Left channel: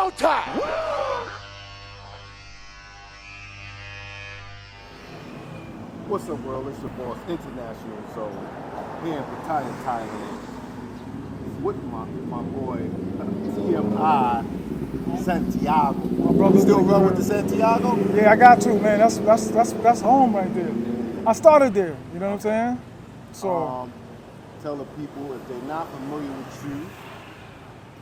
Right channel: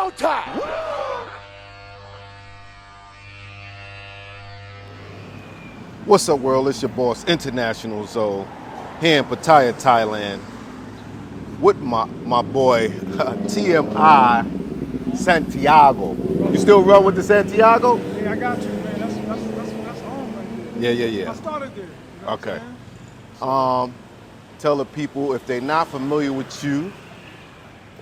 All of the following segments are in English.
showtime! What's up, world? It's your boss, International Zoe, here in Pattaya, Thailand, with my boy, TMI Santiago. You still run with the Santiago? Yeah, I got to, man. That's home right there. Yeah. I started there, you know what Okay. I'm saying? So, Tell the people, if they're not familiar with you,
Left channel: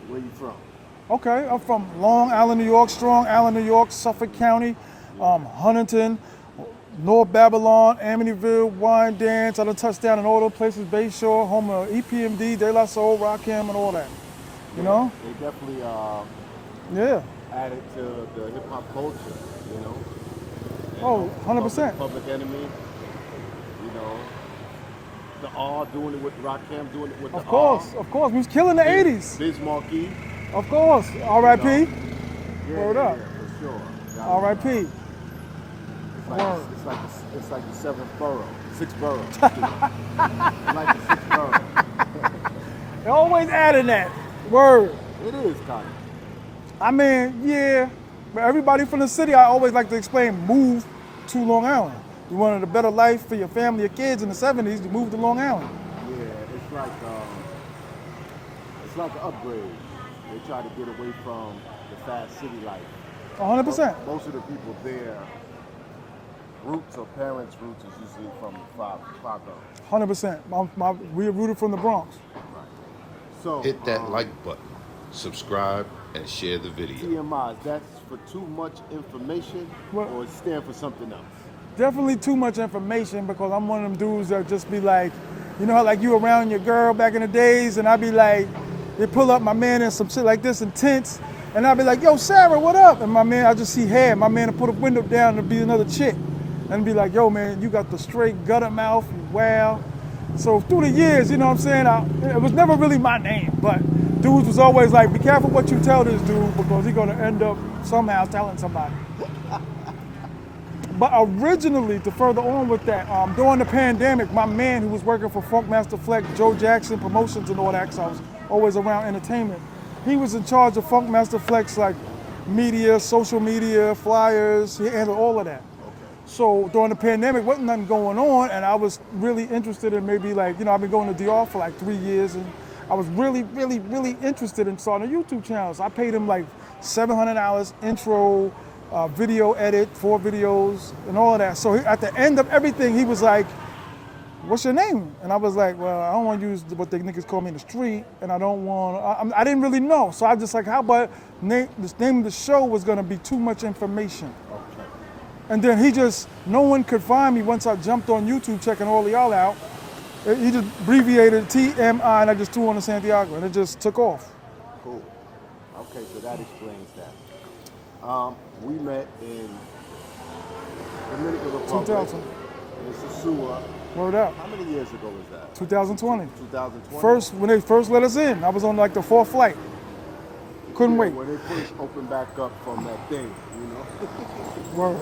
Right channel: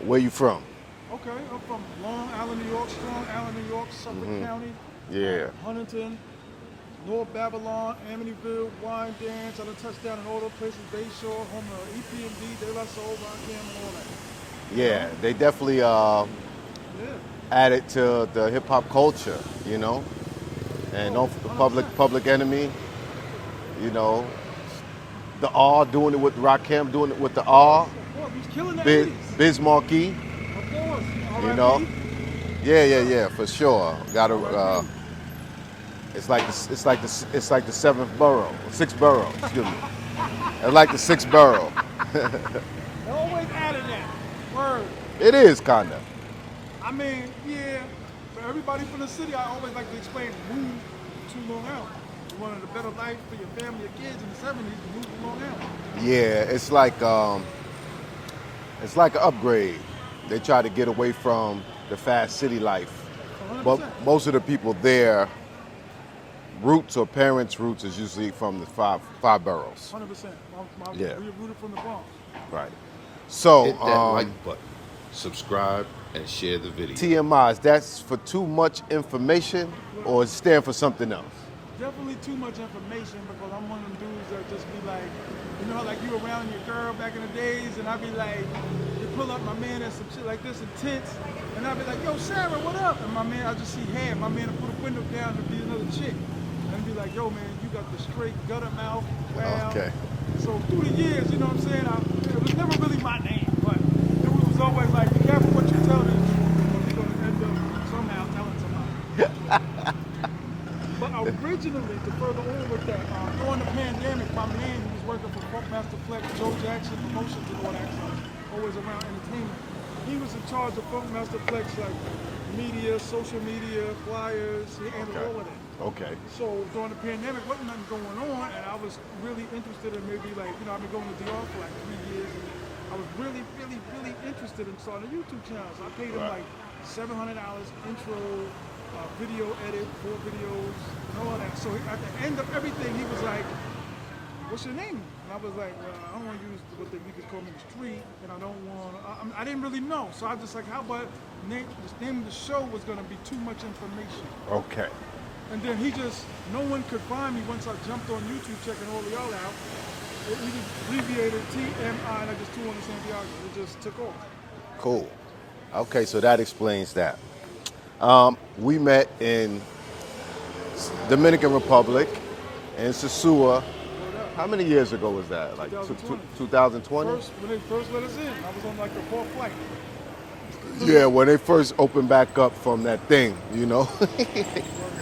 where you from? okay, I'm from Long Island, New York, Strong Island, New York, Suffolk County, Yeah. Huntington, North Babylon, Amityville, Wyandanch. I done touched down in all those places, Bayshore, home of EPMD, De La Soul, Rakim, and all that. You Yeah, know? they definitely Yeah. added to the hip hop culture, you know? And Oh, 100%. Public Enemy, you know? The R, doing it with Rakim, doing it with the R. Of course. We was killing the Biz 80s. Biz Markie. Of course. R.I.P. You know? Hold up. Yeah, for sure. Got to. R.I.P. It's like the seventh borough, sixth borough. Excuse me. It's like the sixth borough. They always adding that word. It is kinda. I mean, yeah, but everybody from the city, I always like to explain, move to Long Island. You wanted a better life for your family, your kids in the 70s, you moved to Long Island. Yeah, it's like an upgrade. They try to get away from the fast city life. 100%. But most of the people there, roots or parents' roots is usually from the five boroughs. 100%. Yeah. We are rooted from the Bronx. Right. So Hit that like button, subscribe, and share the video. TMIs, that's for too much information, or it stand for something else? Definitely too much information because I'm one of them dudes that just be like, you know how like you around your girl back in the days and I'd be like, they pull up my man in some shit like this in tents and I'd be like, yo, Sarah, what up? And my man, I just see hair. My man would put a window down and be another chick and be like, yo, man, you got the straight gutter mouth, wow. Okay. So through the years, you know what I'm saying, it was never really my name, but dudes was always like, be careful what you tell this dude because he's gonna end up somehow telling somebody. But originally, to further on with that, during the pandemic, my man who was working for Funkmaster Flex, Joe Jackson Promotions and all that, so I was always around entertainment. He was in charge of Funkmaster Flex, like media, social media, flyers, he handled all of that. Okay. So during the pandemic, wasn't nothing going on, and I was really interested in maybe like, you know, I've been going to DR for like 3 years, and I was really interested in starting a YouTube channel. So I paid him like $700 intro, video edit, 4 videos, and all of that. So at the end of everything, he was like, what's your name? And I was like, well, I don't want to use what the niggas call me in the street, and I don't want, I didn't really know. So I was just like, how about the name of the show was gonna be too much information. Okay. And then no one could find me once I jumped on YouTube checking all of y'all out. He just abbreviated TMI and I just threw on the Santiago and it just took off. Cool. Okay, so that explains that. We met in Dominican Republic, in Sosua. Word up. How many years ago was that? 2020. 2020? When they first let us in, I was on like the 4th flight. Couldn't Yeah, wait. when they first opened back up from that thing, you know? Word.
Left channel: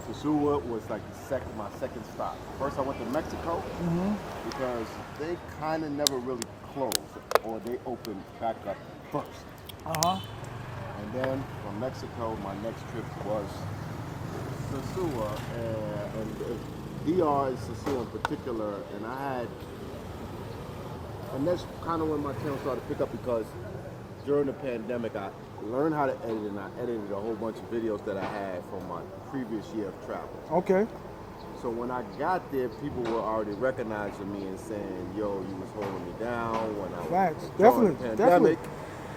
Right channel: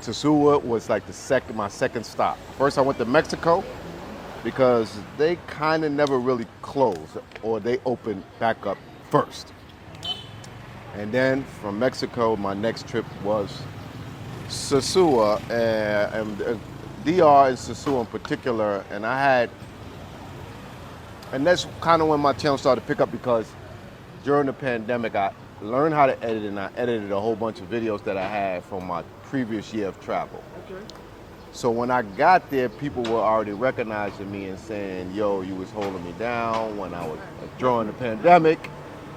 Sosua was like my second stop. First I went to Mexico because they kind of never really closed, or they opened back up first. And then from Mexico, my next trip was Sosua, and DR and Sosua in particular, and that's kind of when my channel started to pick up because during the pandemic, I learned how to edit, and I edited a whole bunch of videos that I had from my previous year of travel. Okay. So when I got there, people were already recognizing me and saying, yo, you was holding me down when I was Right. during the Definitely, pandemic.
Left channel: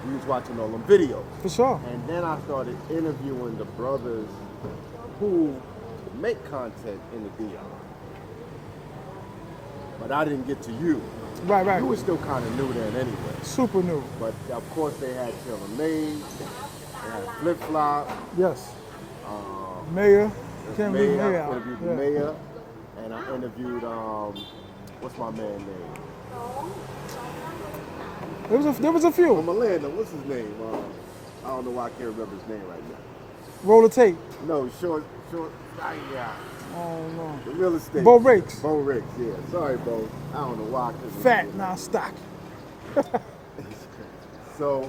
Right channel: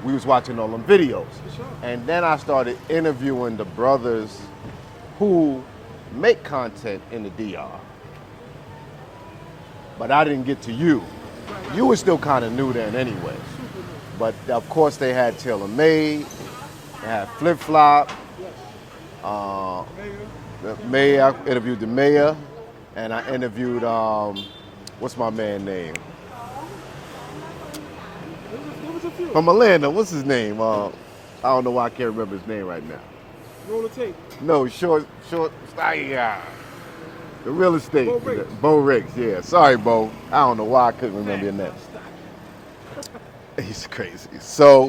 We was watching all them videos. For sure. And then I started interviewing the brothers who make content in the DR. But I didn't get to you. Right. You were still kind of new then anyway. Super new. But of course they had Taylor Made, they had Flip Flop, Yes. Mayor. the mayor. I interviewed the mayor, and I interviewed what's my man name? There was a few. From Atlanta. What's his name? I don't know why I can't remember his name right now. Roll the tape. No, short. Yeah. The real estate. Bo Riggs. Bo Riggs. Yeah. Sorry, Bo. I don't know why I couldn't remember your Fat, name. not stock. He's crazy. So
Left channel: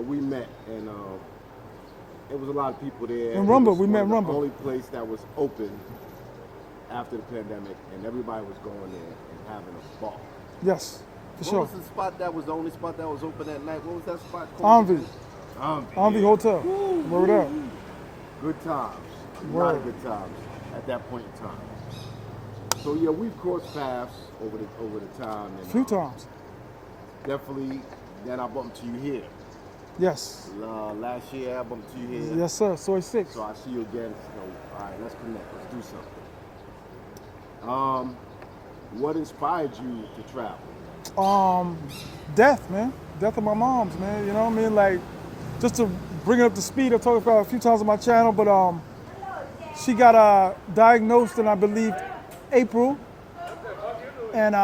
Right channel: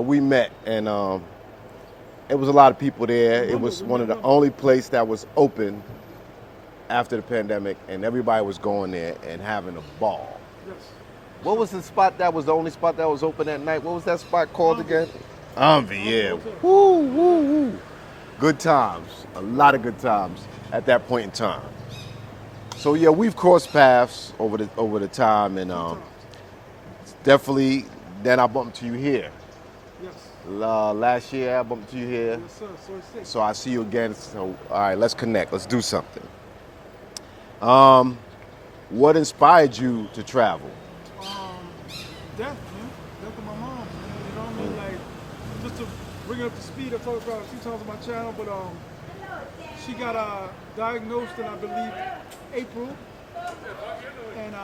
we met, and it was a lot of people there. Remember, it was we one met of the Rumble. only place that was open after the pandemic, and everybody was going there and having a ball. Yes. for What sure. was the spot that was the only spot that was open at night? What was that spot called again? Envy, Envy yeah. Hotel. Woo, Word woo, up. woo. Good times. A lot of good times at that point in time. So yeah, we've crossed paths over the time, and A few times. definitely. Then I bumped into you here. Yes. Last year I bumped into you here. Yes, sir. Soy 6. So I see you again. So all right, let's connect. Let's do something. What inspired you to travel? Death, man. Death of my mom's, man. You know what I mean? Like, just to bring it up to speed, I talked about it a few times on my channel, but she got diagnosed in, I believe, April, and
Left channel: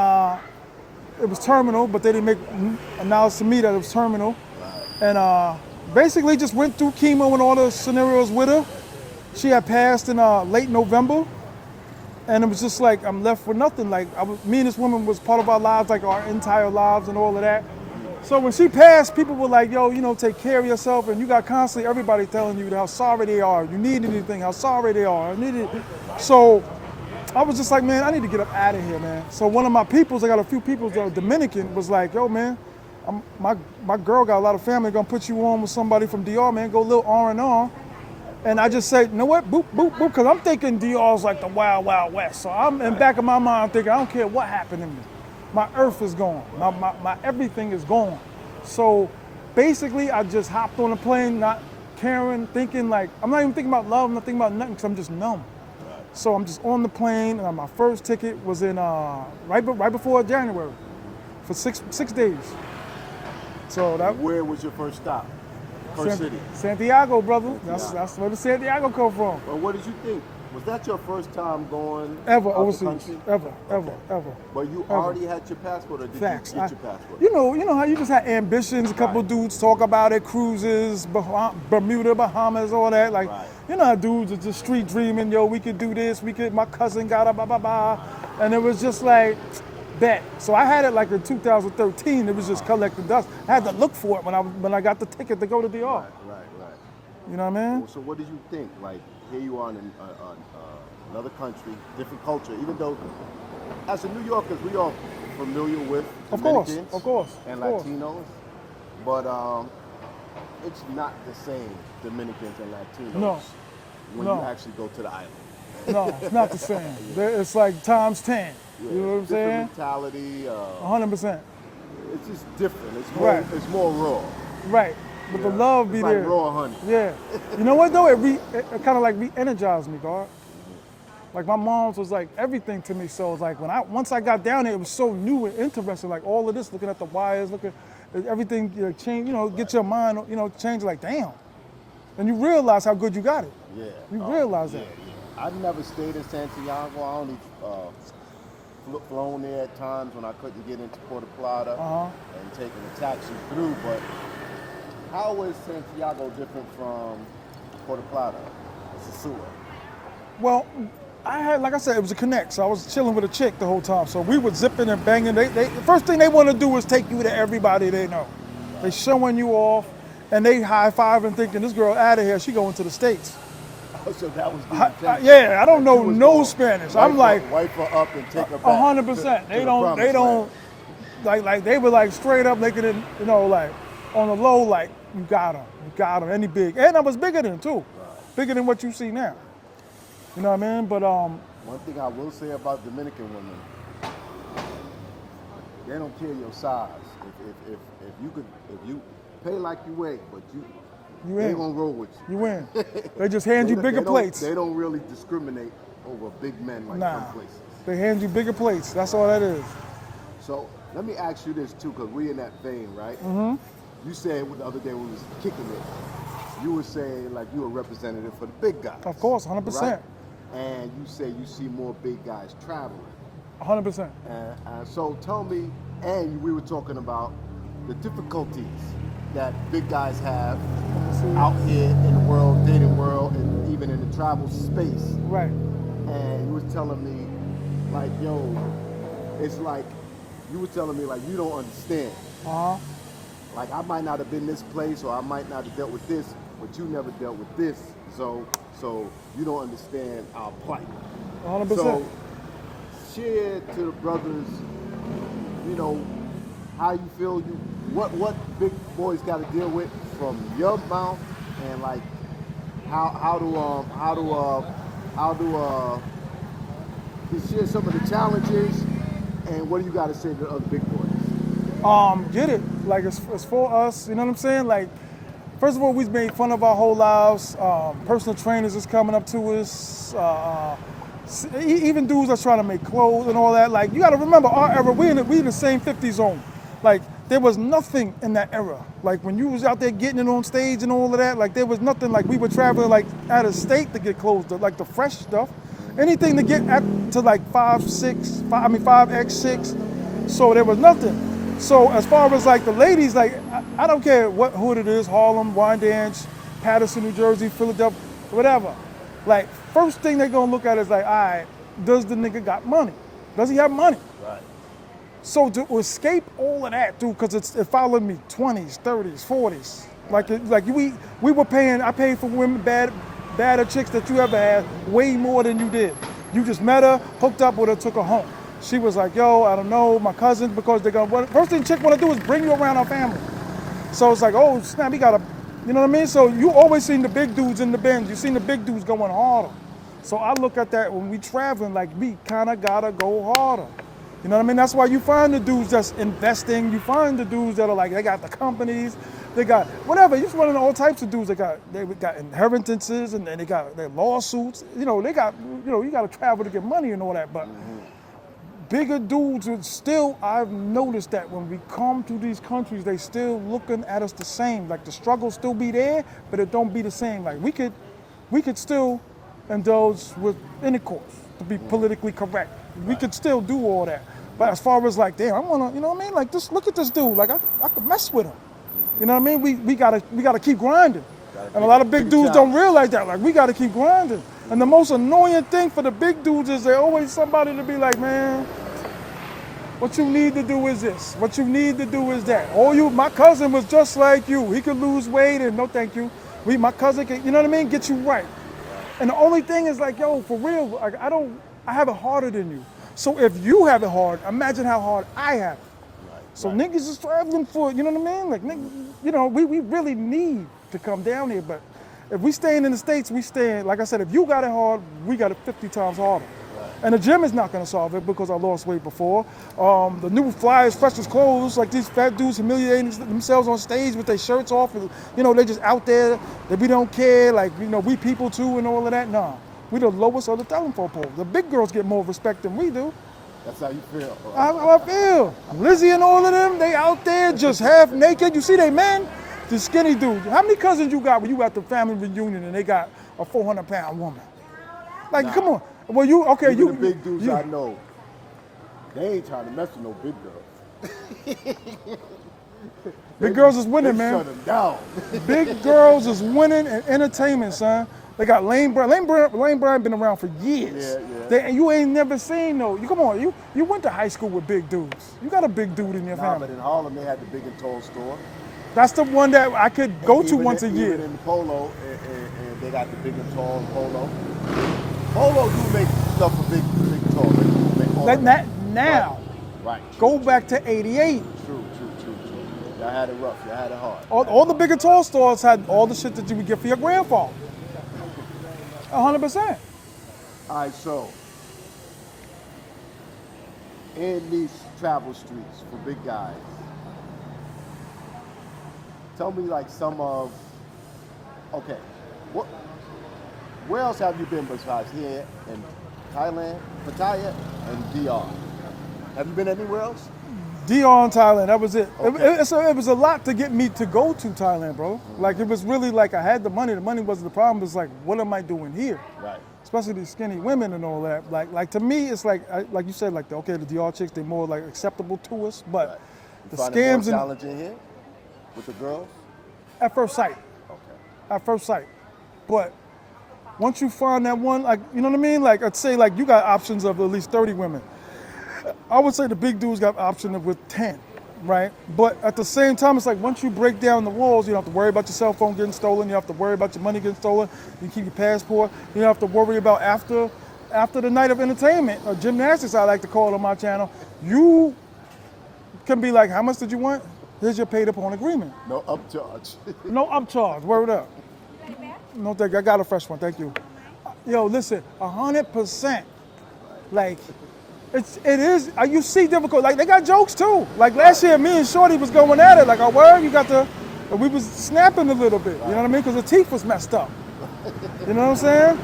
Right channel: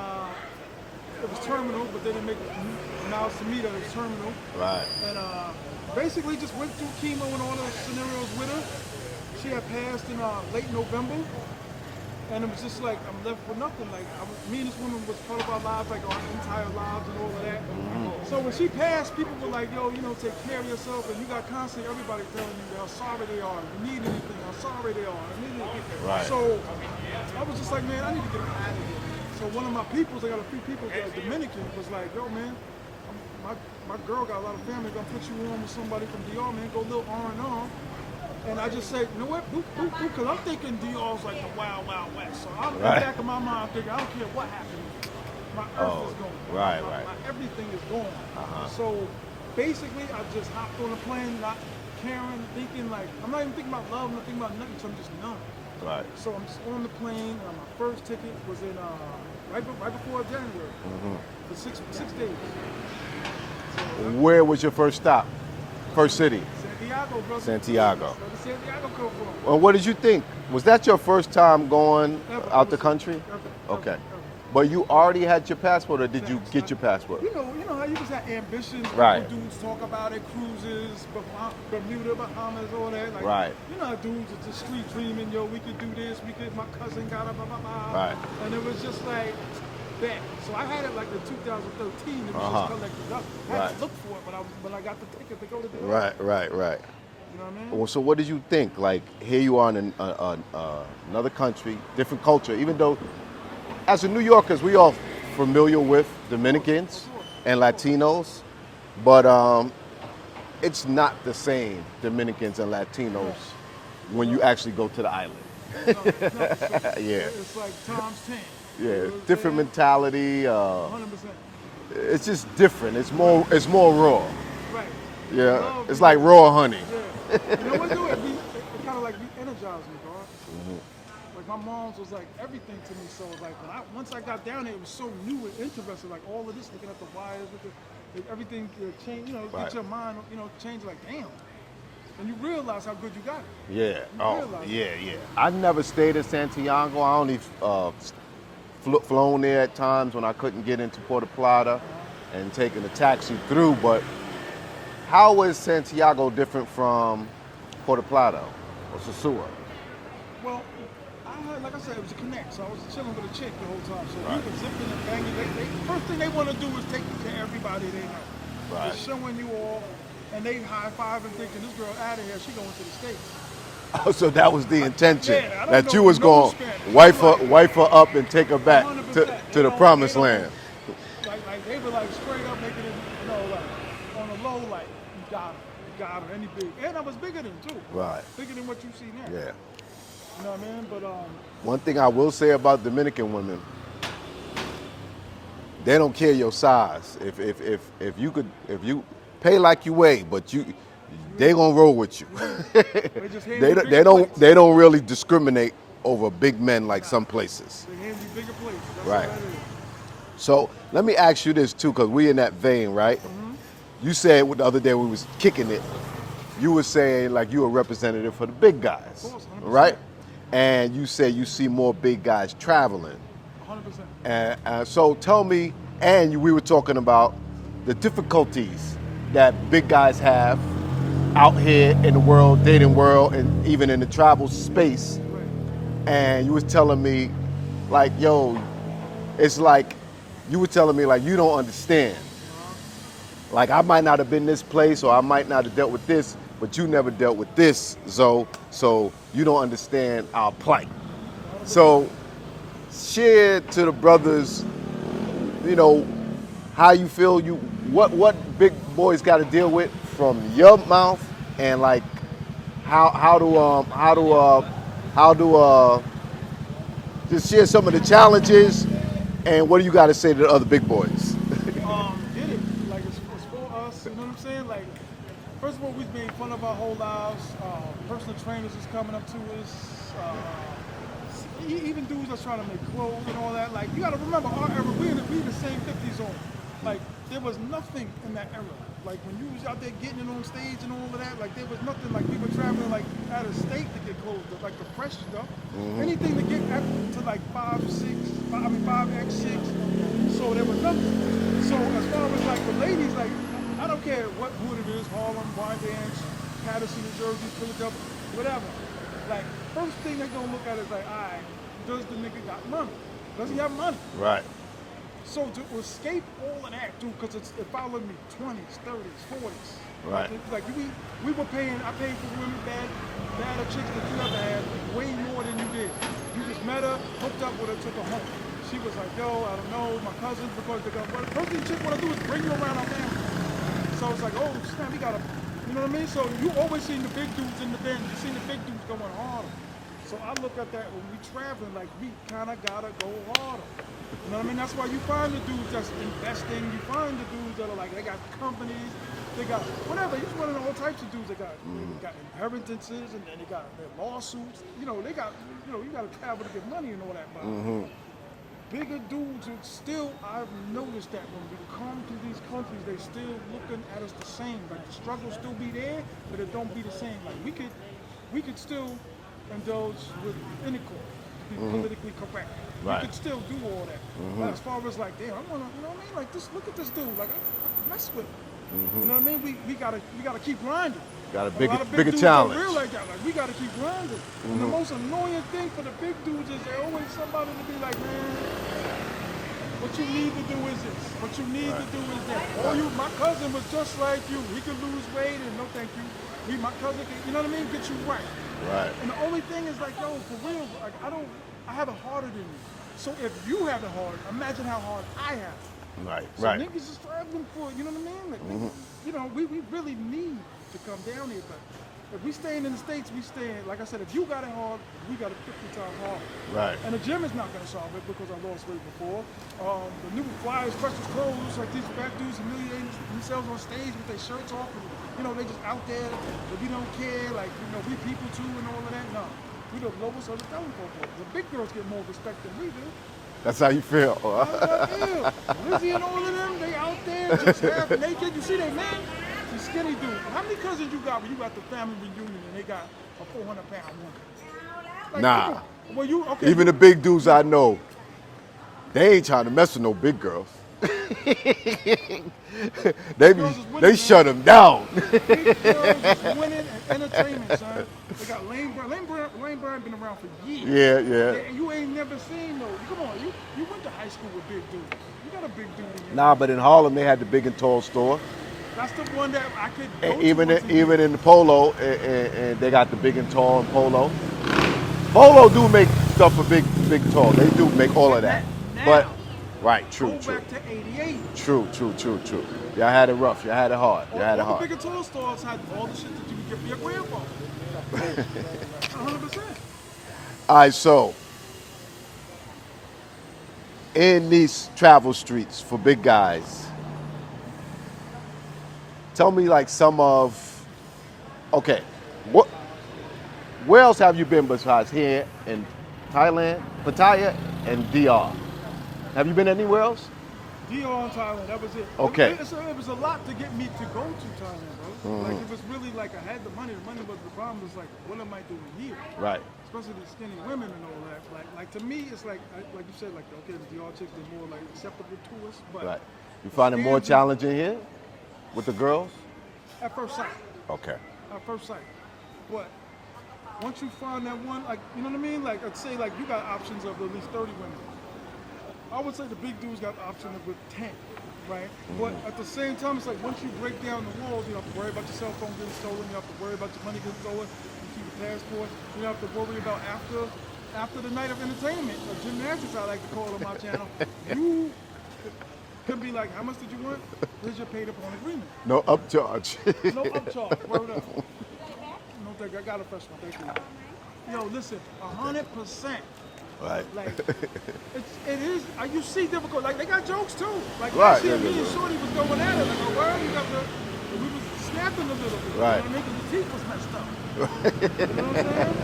it was terminal, but they didn't announce to me that it was terminal. Right. And basically just went through chemo and all the scenarios with her. She had passed in late November, and it was just like, I'm left with nothing. Like, me and this woman was part of our lives, like our entire lives and all of that. So when she passed, people were like, yo, you know, take care of yourself, and you got constantly everybody telling you how sorry they are. You need anything, how sorry they are. Right. So I was just like, man, I need to get up out of here, man. So one of my peoples, I got a few peoples that were Dominican, was like, yo, man, my girl got a lot of family, gonna put you on with somebody from DR, man, go a little R&R. And I just said, you know what, boop, boop, boop, because I'm thinking DR's like the wild, wild west. So I'm in the back of my mind, I'm thinking, I don't care what happened to me. My earth is gone. My everything is gone. So basically, I just hopped on a plane, not caring, thinking like, I'm not even thinking about love, I'm not thinking about nothing, because I'm just numb. Right. So I'm just on the plane, and my first ticket was in right before January, for six days. So that. Where was your first stop? First city? Santiago, brother. Santiago. That's where the Santiago come from. Well, what did you think? Was that your first time going Ever out the country? Ever. Okay. Ever. But you already had your passport, or did Facts. you get your passport? You know how you just had ambitions. A couple Right. dudes talk about it, cruises, Bermuda, Bahamas, all that. Like, Right. you know how dudes are just street dreaming. Yo, we could do this. My cousin got a blah blah blah. Right. And it was just like that. So I had it like in 2013. It was just collecting dust. I had Right. to look for it when I got the ticket to go to DR. Right. You know what I mean? Well, so what did you think? Like, here you are in another country, different culture, even though as a New Yorkers, we all familiar with Dominicans of course, and of course. Latinos, but it's not the same Dominicans and Latinos No. when you No. actually go to the island. No, it's not the same. Yeah. It's like times 10. Yeah, You know what I'm different saying? mentality. 100%. It's just different. It's more. Right. It's more raw. Right. But the Yeah, love it's be like there. raw honey. Yeah. You know what though? It kind of like re-energized me, God. Like my mom's was like everything to me. So it's like once I got down there, it was so new and interesting. Like all of this, looking at the wires, looking at everything, change. You know, Right. get your mind, change. Like damn. And you realize how good you got it. Yeah. You realize Yeah, that. yeah. I never stayed in Santiago. I only flown there at times when I couldn't get into Puerto Plata and taking a taxi through. But how is Santiago different from Puerto Plata or Sosua? Well, I had, like I said, it was a connect. So I was chilling with a chick the whole time. So we were zipping and banging. The first thing they want to do is take you to everybody they know. Right. They're showing you off, and they high-fiving, thinking this girl out of here. She going to the States. Oh, so that was the intention. Yeah, I don't that know you was no going Spanish. wife I'm her up and take her back 100%. to the promised land. Like they were like straight up making it, like on the low, like you got him, and he big, and I was bigger than too. Right. Bigger than what you see now. Yeah. You know what I mean? But One thing I will say about Dominican women, they don't care your size. If you pay like you weigh, but they in. gonna roll with you. You win. They just hand you bigger plates. They don't really discriminate over big men like some places. They hand you bigger plates. That's Right. all that is. So let me ask you this too, because we in that vein, right? Mm-hmm. You said the other day we was kicking it. You were saying like you a representative for the big guys. Of course, 100%. Right? And you say you see more big guys traveling. 100%. And so tell me, and we were talking about the difficulties that big guys have out here in the world, dating world, and even in the travel space. Right. And you was telling me, like, yo, it's like you were telling me like you don't understand. Like I might not have been this place or I might not have dealt with this, but you never dealt with this, Zoe, so you don't understand our plight. 100%. So share to the brothers, you know, how you feel what big boys got to deal with from your mouth, and like how do just share some of the challenges, and what do you got to say to the other big boys? Get it. Like it's for us, you know what I'm saying? Like, first of all, we've made fun of our whole lives. Personal trainers is coming up to us. Even dudes that's trying to make clothes and all that. Like, you got to remember our era. We in the same 50 zone. Like, there was nothing in that era. Like when you was out there getting it on stage and all of that. Like there was nothing. Like we were traveling like out of state to get clothes, like the fresh stuff. Anything to get to like 5X6. So there was nothing. So as far as like the ladies, like I don't care what hood it is, Harlem, Wyandanch, Patterson, New Jersey, Philadelphia, whatever. Like first thing they're gonna look at is like, all right, does the nigga got money? Does he have money? Right. So to escape all of that, dude, because it followed me 20s, 30s, 40s. Right. Like we were paying, I paid for women, badder chicks that you ever had, way more than you did. You just met her, hooked up with her, took her home. She was like, yo, I don't know, my cousins, because they're gonna, first thing chick wanna do is bring you around our family. So it's like, oh snap, we gotta, you know what I mean? So you always seen the big dudes in the Benz, you seen the big dudes going harder. So I look at that when we traveling, like we kinda gotta go harder. You know what I mean? That's why you find the dudes that's investing, you find the dudes that are like, they got the companies, they got whatever, you're just running all types of dudes. They got inheritances and then they got their lawsuits. You know, they got, you know, you gotta travel to get money and all that, but bigger dudes would still, I've noticed that when we come to these countries, they still looking at us the same. Like the struggle still be there, but it don't be the same. Like we could still indulge with intercourse to be politically correct. We could still do all that. But as far as like, damn, I wanna, you know what I mean? Like just look at this dude, like I could mess with him. You know what I mean? We gotta keep grinding. And a lot of big dudes don't realize that. Like we gotta keep grinding. And the most annoying thing for the big dudes is there's always somebody to be like, man, what you need to do is this. What you need to do is that. My cousin was just like you. He could lose weight and no thank you. My cousin can, you know what I mean? Get you right. And the only thing is like, yo, for real, like I have it harder than you. So if you have it hard, imagine how hard I have it. So niggas is traveling for, you know what I mean? Like niggas, you know, we really need to come down here, but if we staying in the States, we staying, like I said, if you got it hard, we got it 50 times harder. And the gym is not gonna solve it because I lost weight before. The new flyers, freshest clothes, like these fat dudes humiliating themselves on stage with their shirts off, and, you know, they just out there, that we don't care, like, you know, we people too and all of that. No, we the lowest of the telephone pole. The big girls get more respect than we do. That's how you feel. That's how I feel. Lizzie and all of them, they out there just half naked. You see they men? The skinny dude. How many cousins you got when you at the family reunion and they got a 400-pound woman? Like, come on. Well, you, okay. Even the big dudes I know, they ain't trying to mess with no big girls. Big girls is winning, They man. shut them down. Big girls is winning in entertainment, son. They got Lane Bryant. Lane Bryant been around for years. And you ain't never seen no. Come on, you went to high school with big dudes. You got a big dude in your family. But in Harlem they had the Big and Tall store. That's the one that I could go to once a year. Even in the Polo, and they got the Big and Tall Polo. Polo do make stuff for big and tall. They do make all of that. Now, true. Go back to '88. True. Y'all had it rough. Y'all had it hard. All the Big and Tall stores had all the shit that you would get for your grandfather. 100%. All right, so in these travel streets for big guys, tell me like where else have you been besides here in Thailand, Pattaya, and DR? Have you been anywhere else? DR and Thailand, that was it. Okay. It was a lot to get me to go to Thailand, bro. Like it was really like I had the money wasn't the problem. It's like, what am I doing here? Especially these skinny women and all that. Like to me, it's like you said, like the DR chicks, they're more like acceptable to us. But you find it more challenging here with the girls? At first sight. Okay. At first sight. But once you find that one, like, you know what I mean? Like I'd say like you got options of at least 30 women. I would say the big dudes got the option of with 10, right? But at the same time, it's like once you break down the walls, you don't have to worry about your cell phone getting stolen. You don't have to worry about your money getting stolen. You keep your passport. You don't have to worry about after the night of entertainment or gymnastics, I like to call it on my channel. You can be like, how much did you want? Here's your paid upon agreement. No upcharge. No upcharge. Word up. No, thank you. I got a fresh one. Thank you. Yo, listen, 100%. Right. Like, it is, you see difficult, like they got jokes too. Like last year, me and Shorty was going at it, like, oh, word, you got we was snapping a little bit, you know what I mean? Because the teeth was messed up. You know what I'm saying?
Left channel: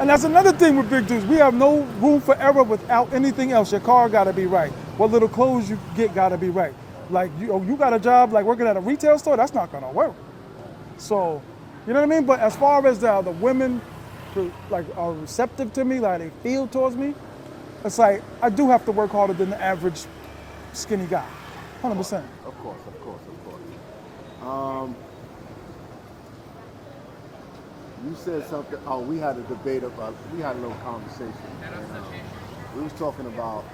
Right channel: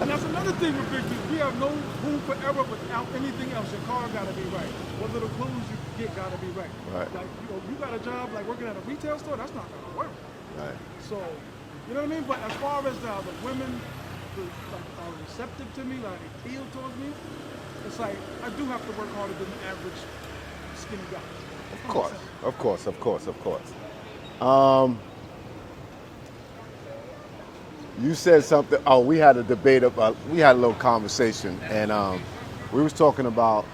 And that's another thing with big dudes. We have no room for error without anything else. Your car gotta be right. What little clothes you get gotta be right. Like, you got a job like working at a retail store, that's not gonna work. Right. So, you know what I mean? But as far as the women who like are receptive to me, like they feel towards me, it's like I do have to work harder than the average skinny guy. 100%. Of course. You said something. Oh, we had a debate about. We had a little conversation, and we was talking about.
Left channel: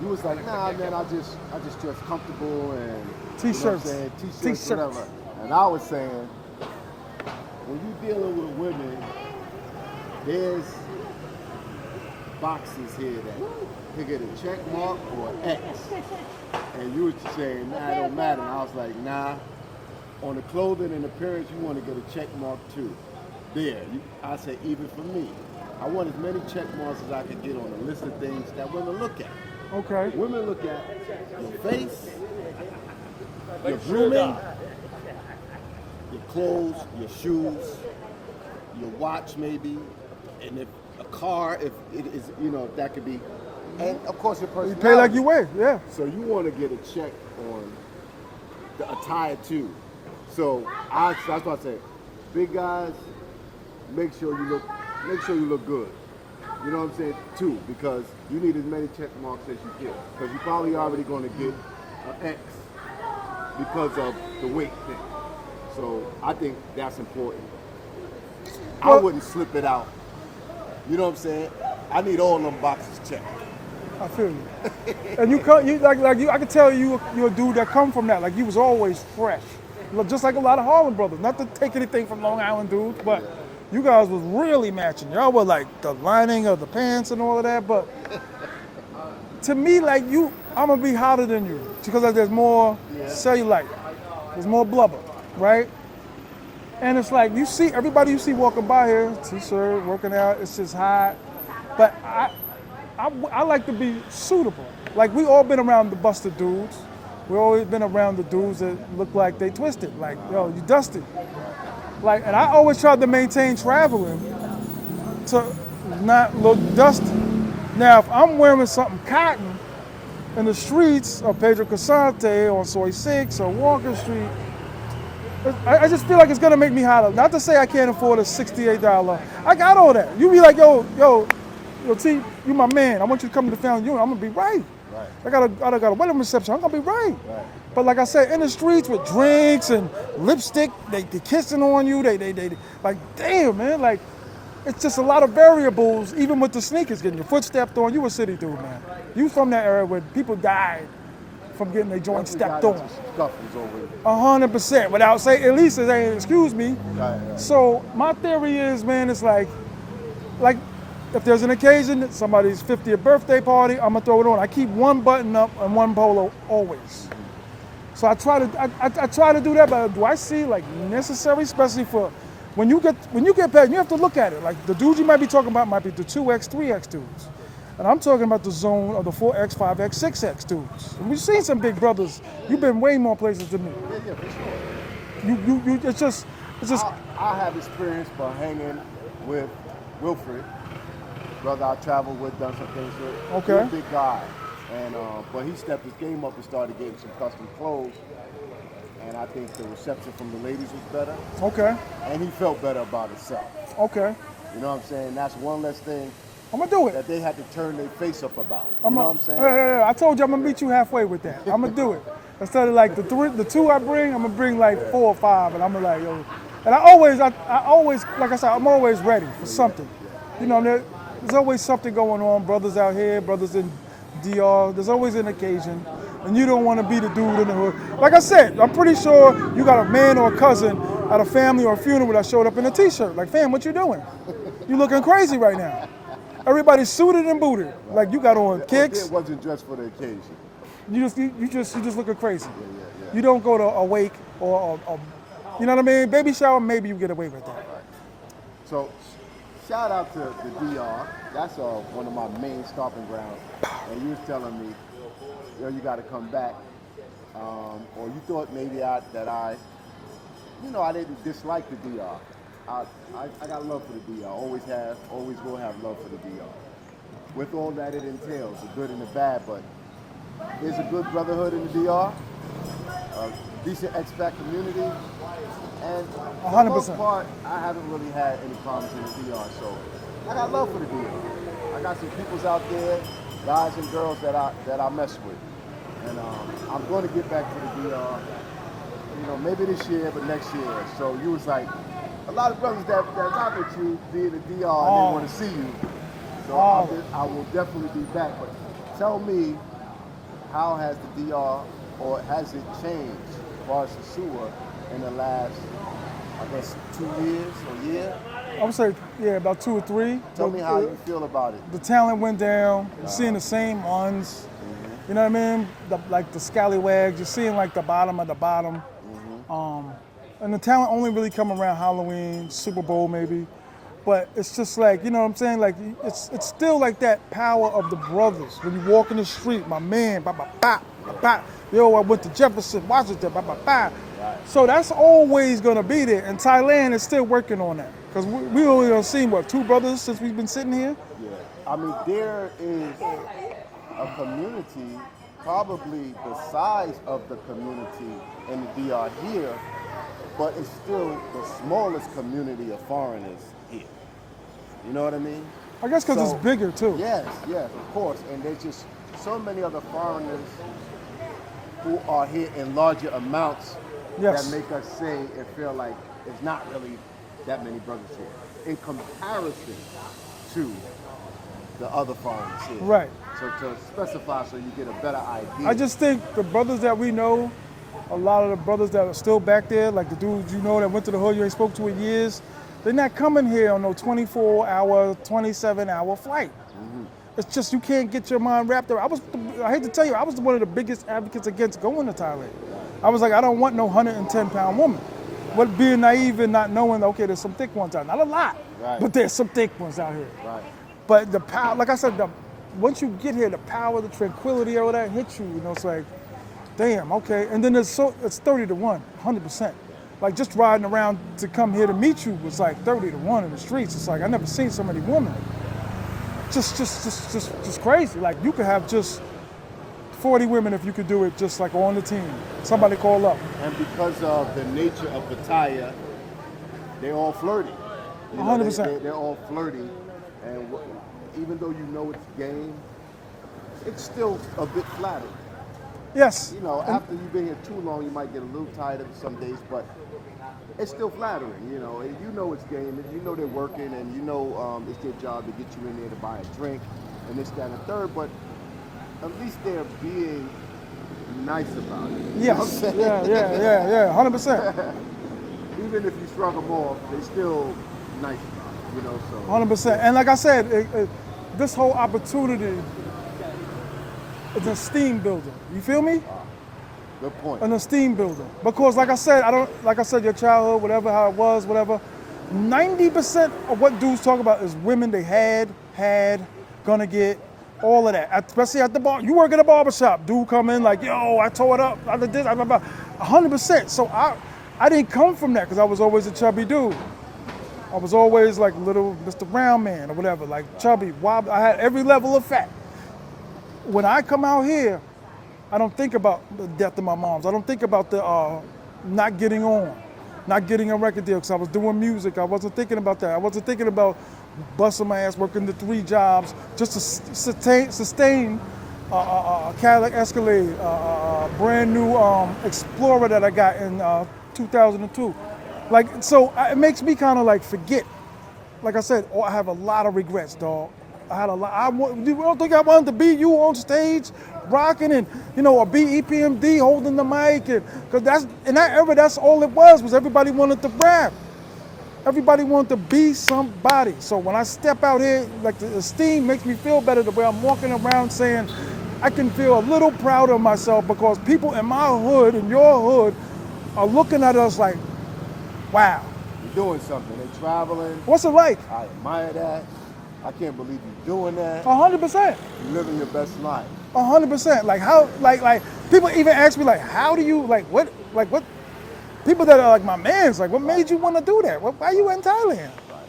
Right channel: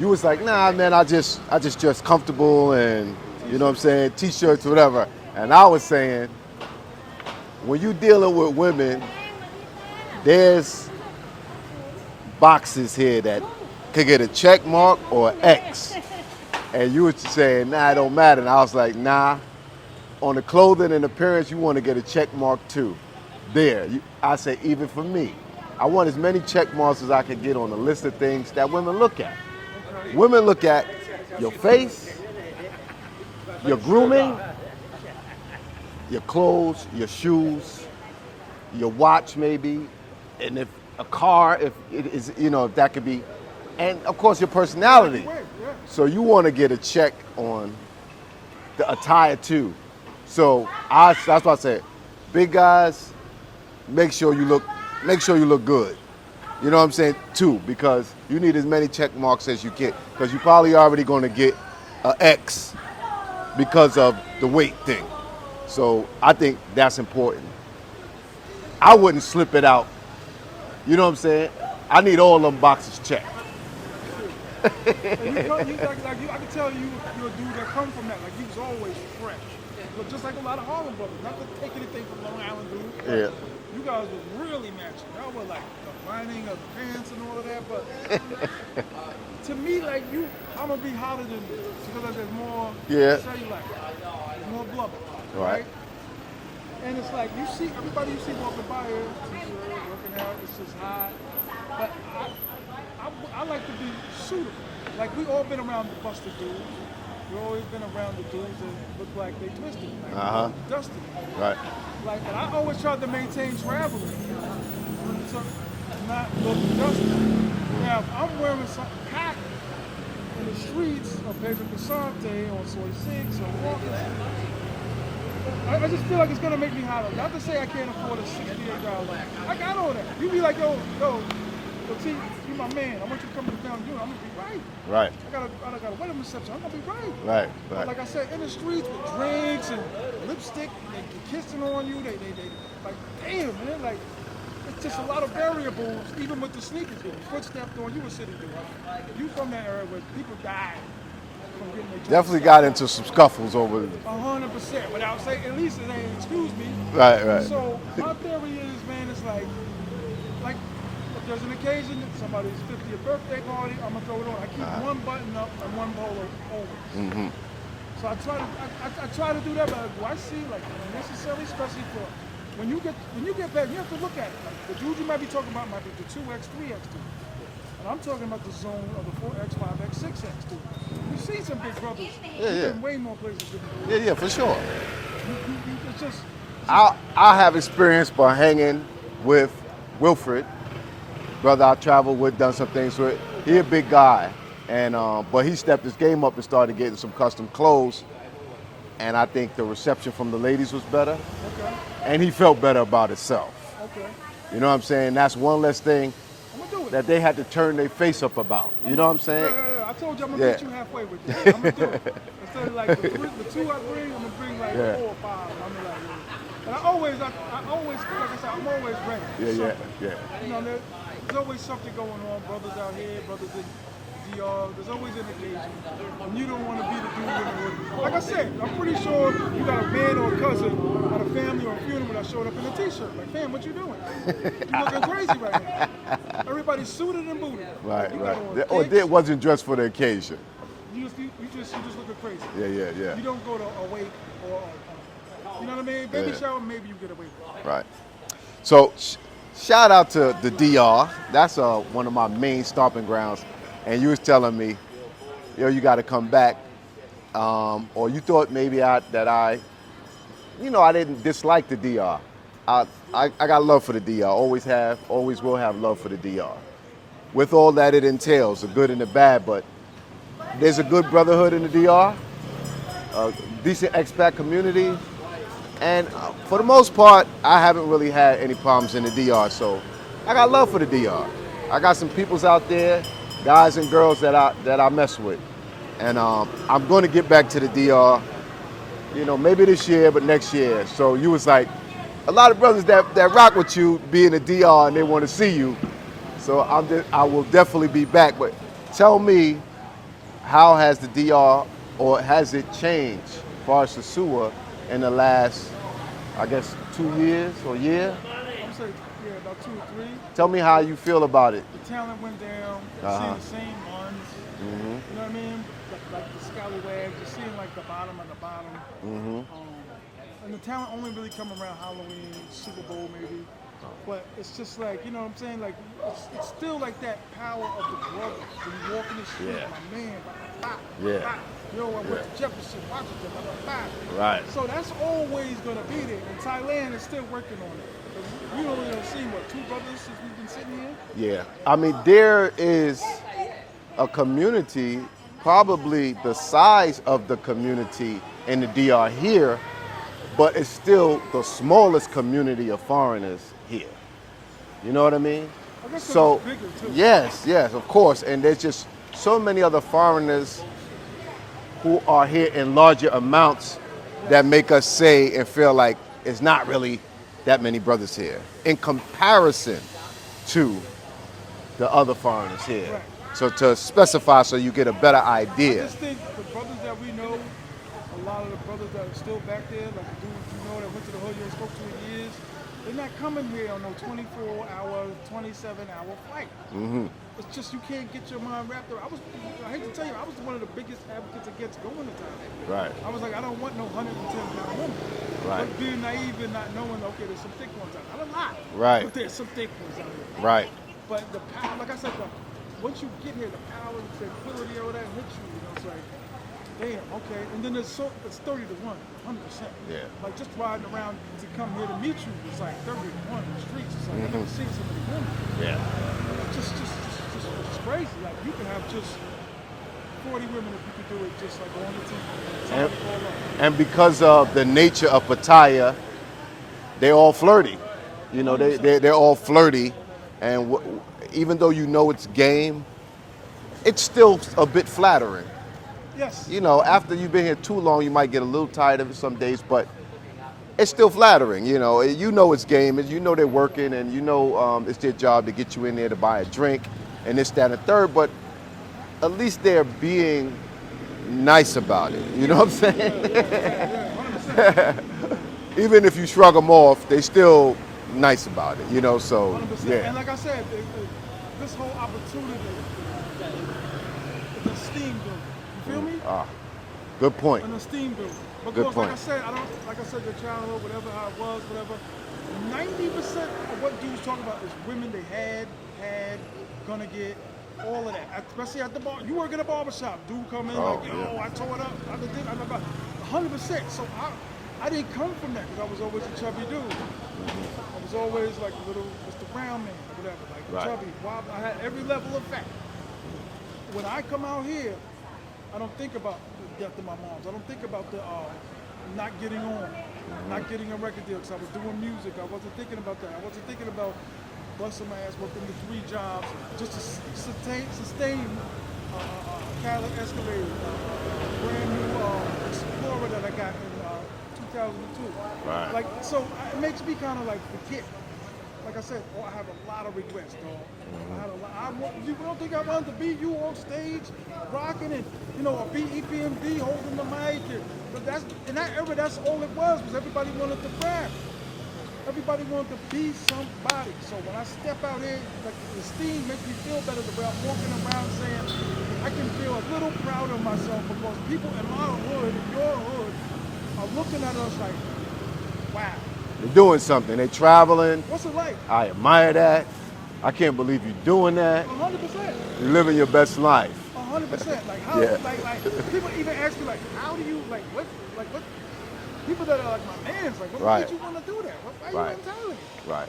You was like, nah, man, I just dress comfortable and T-shirts. you know what I'm saying, t-shirts, whatever. And I was saying, when you dealing with women, there's boxes here that could get a check mark or an X. And you were saying, nah, it don't matter. And I was like, nah. On the clothing and appearance, you want to get a check mark too. There, I say, even for me, I want as many check marks as I can get on a list of things that women look at. Okay. Women look at your face, your grooming, your clothes, your shoes, your watch maybe, and if a car, if it is, that could be, and of course your personality. Like you wear, yeah. So you want to get a check on the attire too. So that's what I said. Big guys, make sure you look good. You know what I'm saying? Too, because you need as many check marks as you get, because you're probably already going to get an X because of the weight thing. So I think that's important. I wouldn't slip it out. You know what I'm saying? I need all them boxes checked. I feel you. And I can tell you're a dude that come from that. Like you was always fresh. Just like a lot of Harlem brothers. Not to take anything from Long Island dudes, but you guys was really matching. Y'all were like the lining of the pants and all of that, but to me, like I'm gonna be hotter than you because like there's more cellulite, there's more blubber, right? And it's like you see everybody you see walking by here, t-shirt, working out, it's just hot. But I like to be suitable. Like we all been around the busted dudes. We always been around the dudes that look like they twisted, like you dusty. Right. Like, and I always tried to maintain traveling to not look dusty. Now, if I'm wearing something cotton in the streets of Pedro Casante or Soy 6 or Walker Street, I just feel like it's gonna make me hotter. Not to say I can't afford a $68. I got all that. You be like, yo, T, you my man. I want you to come to the family unit. I'm gonna be right. Right. I got a wedding reception. I'm gonna be right. Right. But like I said, in the streets with drinks and lipstick, they kissing on you. They like, damn, man. Like, it's just a lot of variables. Even with the sneakers, getting your foot stepped on. You a city dude, man. You from that area where people died from getting their joints Definitely stepped got on. into some scuffles over it. 100%. Without saying, at least it ain't excuse me. Right. So my theory is, man, it's like. If there's an occasion, somebody's 50th birthday party, I'm gonna throw it on. I keep one button up and one polo always. Mm-hmm. So I try to do that, but do I see like necessary, especially for when you get back, you have to look at it. Like the dudes you might be talking about might be the 2X, 3X dudes. And I'm talking about the zone of the 4X, 5X, 6X dudes. And we've seen some big brothers. You've been way more places than me. Yeah, for sure. It's just I have experience by hanging with Wilfred. Brother I traveled with, done some things with. Okay. He a big guy, and but he stepped his game up and started getting some custom clothes, and I think the reception from the ladies was better. Okay. And he felt better about himself. Okay. You know what I'm saying? That's one less thing I'm gonna do it. that they had to turn their face up about. You know what I'm saying? Yeah. I told you I'm gonna meet you halfway with that. I'm gonna do it. Instead of like the two I bring, I'm gonna bring like 4 or 5, and I'm gonna like, yo. And I always, like I said, I'm always ready for something. Yeah. You know, there's always something going on. Brothers out here, brothers in DR. There's always an occasion, and you don't want to be the dude in the hood. Like I said, I'm pretty sure you got a man or a cousin at a family or a funeral that showed up in a T-shirt. Like, fam, what you doing? You looking crazy right now. Everybody's suited and booted. Right, like you got on Or kicks. it wasn't dressed for the occasion. You just looking crazy. Yeah. You don't go to a wake or you know what I mean? Baby shower, maybe you get away with that. Right. So, shout out to the DR. That's one of my main stomping grounds. And you was telling me, you got to come back. Or you thought maybe I didn't dislike the DR. I got love for the DR. Always have, always will have love for the DR. With all that it entails, the good and the bad, but there's a good brotherhood in the DR, a decent expat community, and for the most part, I haven't really had any problems in the DR, so I got love for the DR. I got some peoples out there, guys and girls that I mess with, and I'm going to get back to the DR, maybe this year, but next year. So you was like, a lot of brothers that rock with you be in the DR and they want to see you, so I will definitely be back, but tell me, how has the DR, or has it changed as far as Sosua in the last, I guess, 2 years or a year? I would say, about 2 or 3. Tell me how you feel about it. The talent went down. You're seeing the same ones. You know what I mean? Like the scallywags. You're seeing like the bottom of the bottom. And the talent only really come around Halloween, Super Bowl maybe. But it's just like, you know what I'm saying? Like, it's still like that power of the brothers. When you walk in the street, my man, yo, I went to Jefferson, Washington, Right. So that's always gonna be there. And Thailand is still working on that. Because we only done seen, 2 brothers since we've been sitting here? Yeah. I mean, there is a community, probably the size of the community in the DR here, but it's still the smallest community of foreigners here. You know what I mean? I guess because it's bigger too. Yes, of course. And there's just so many other foreigners who are here in larger amounts that make us say and feel like it's not really that many brothers here in comparison to the other foreigners here. Right. So to specify so you get a better idea. I just think the brothers that we know, a lot of the brothers that are still back there, like the dudes you know that went to the hood you ain't spoke to in years, they're not coming here on no 24-hour, 27-hour flight. It's just you can't get your mind wrapped around. I hate to tell you, I was one of the biggest advocates against going to Thailand. Right. I was like, I don't want no 110-pound woman. Right. But being naive and not knowing, okay, there's some thick ones out. Not a lot, but there's some thick ones out here. Right. But the power, like I said, once you get here, the power, the tranquility, all that hits you. It's like, damn, okay. And then it's 30 to 1, 100%. Yeah. Like just riding around to come here to meet you was like 30 to 1 in the streets. It's like I never seen so many women. Yeah. Just crazy. Like you could have just 40 women if you could do it just like on the team. Somebody call up. And because of the nature of Pattaya, they're all flirty. You know, they're all flirty. And even though you know it's game, it's still a bit flattering. Yes. You know, after you've been here too long, you might get a little tired of it some days, but it's still flattering. You know it's game, you know they're working, and you know it's their job to get you in there to buy a drink, and this, that, and third, but at least they're being nice about it. You know what I'm saying? Yeah, 100%. Even if you shrug them off, they still nice about it, you know, so. 100%. Yeah. And like I said, this whole opportunity is an esteem builder. You feel me? Good point. An esteem builder. Because like I said, your childhood, whatever, how it was, whatever, 90% of what dudes talk about is women they had, gonna get, all of that. Especially at the bar. You work at a barbershop. Dude come in like, yo, I tore it up, I did this, 100%. So I didn't come from that because I was always a chubby dude. I was always like little Mr. Round Man or whatever, like chubby, wild. I had every level of fat. When I come out here, I don't think about the death of my moms. I don't think about the not getting a record deal because I was doing music. I wasn't thinking about that. I wasn't thinking about busting my ass, working the 3 jobs just to sustain a Cadillac Escalade, brand new Explorer that I got in 2002. Right. Like, so it makes me kind of like forget. Like I said, I have a lot of regrets, dog. I had a lot. You don't think I wanted to be you on stage, rocking and or be EPMD holding the mic, and because that's in that era, that's all it was everybody wanted to rap. Everybody wanted to be somebody. So when I step out here, like the esteem makes me feel better the way I'm walking around saying, I can feel a little proud of myself because people in my hood, in your hood, are looking at us like, wow. They're doing something. They're traveling. What's it like? I admire that. I can't believe you're doing that. 100%. You're living your best life. 100%. Like how, Yeah. like people even ask me like, how do you, what? People that are like my mans, like, what Right. made you want to do that? Why you Right. in Thailand? Right.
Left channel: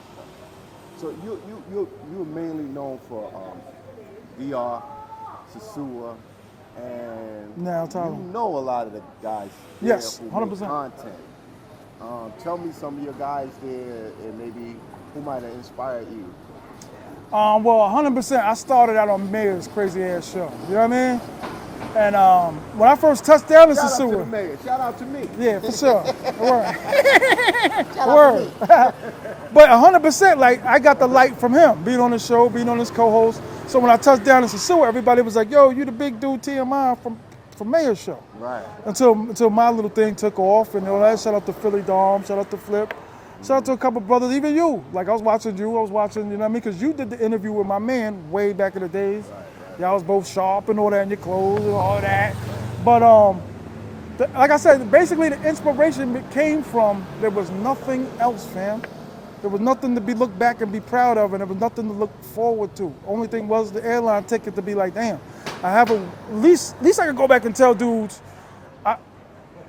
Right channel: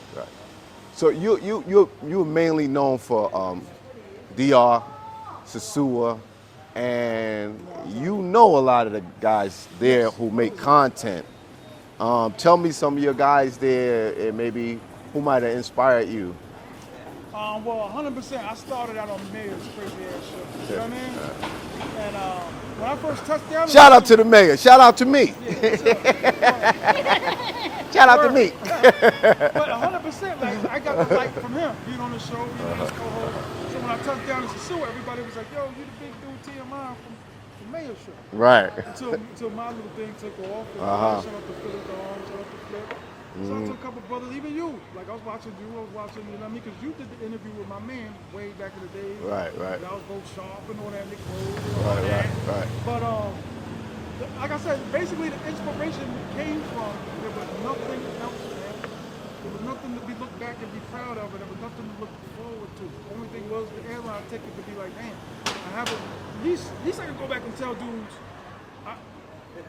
So you're mainly known for DR, Sasua, and Now, Tom. you know a lot of the guys there Yes, who make 100%. content. Tell me some of your guys there and maybe who might have inspired you. Well, 100%. I started out on Mayor's crazy ass show. You know what I mean? And when I first touched down, in Shout out to Sasua- the mayor. Shout out to me. Yeah, for sure. Word. Shout out to me. But 100%, like I got the light from him, being on the show, being on his co-host. So when I touched down in Sasua, everybody was like, "Yo, you the big dude TMI from Mayor's show." Right. Until my little thing took off and all that. Shout out to Philly Dom, shout out to Flip. Shout out to a couple brothers, even you. Like I was watching, you know what I mean? Because you did the interview with my man way back in the days. Right. Y'all was both sharp and all that in your clothes and all that. Right. But like I said, basically the inspiration came from there was nothing else, fam. There was nothing to be looked back and be proud of, and there was nothing to look forward to. Only thing was the airline ticket to be like, damn, I have at least I can go back and tell dudes,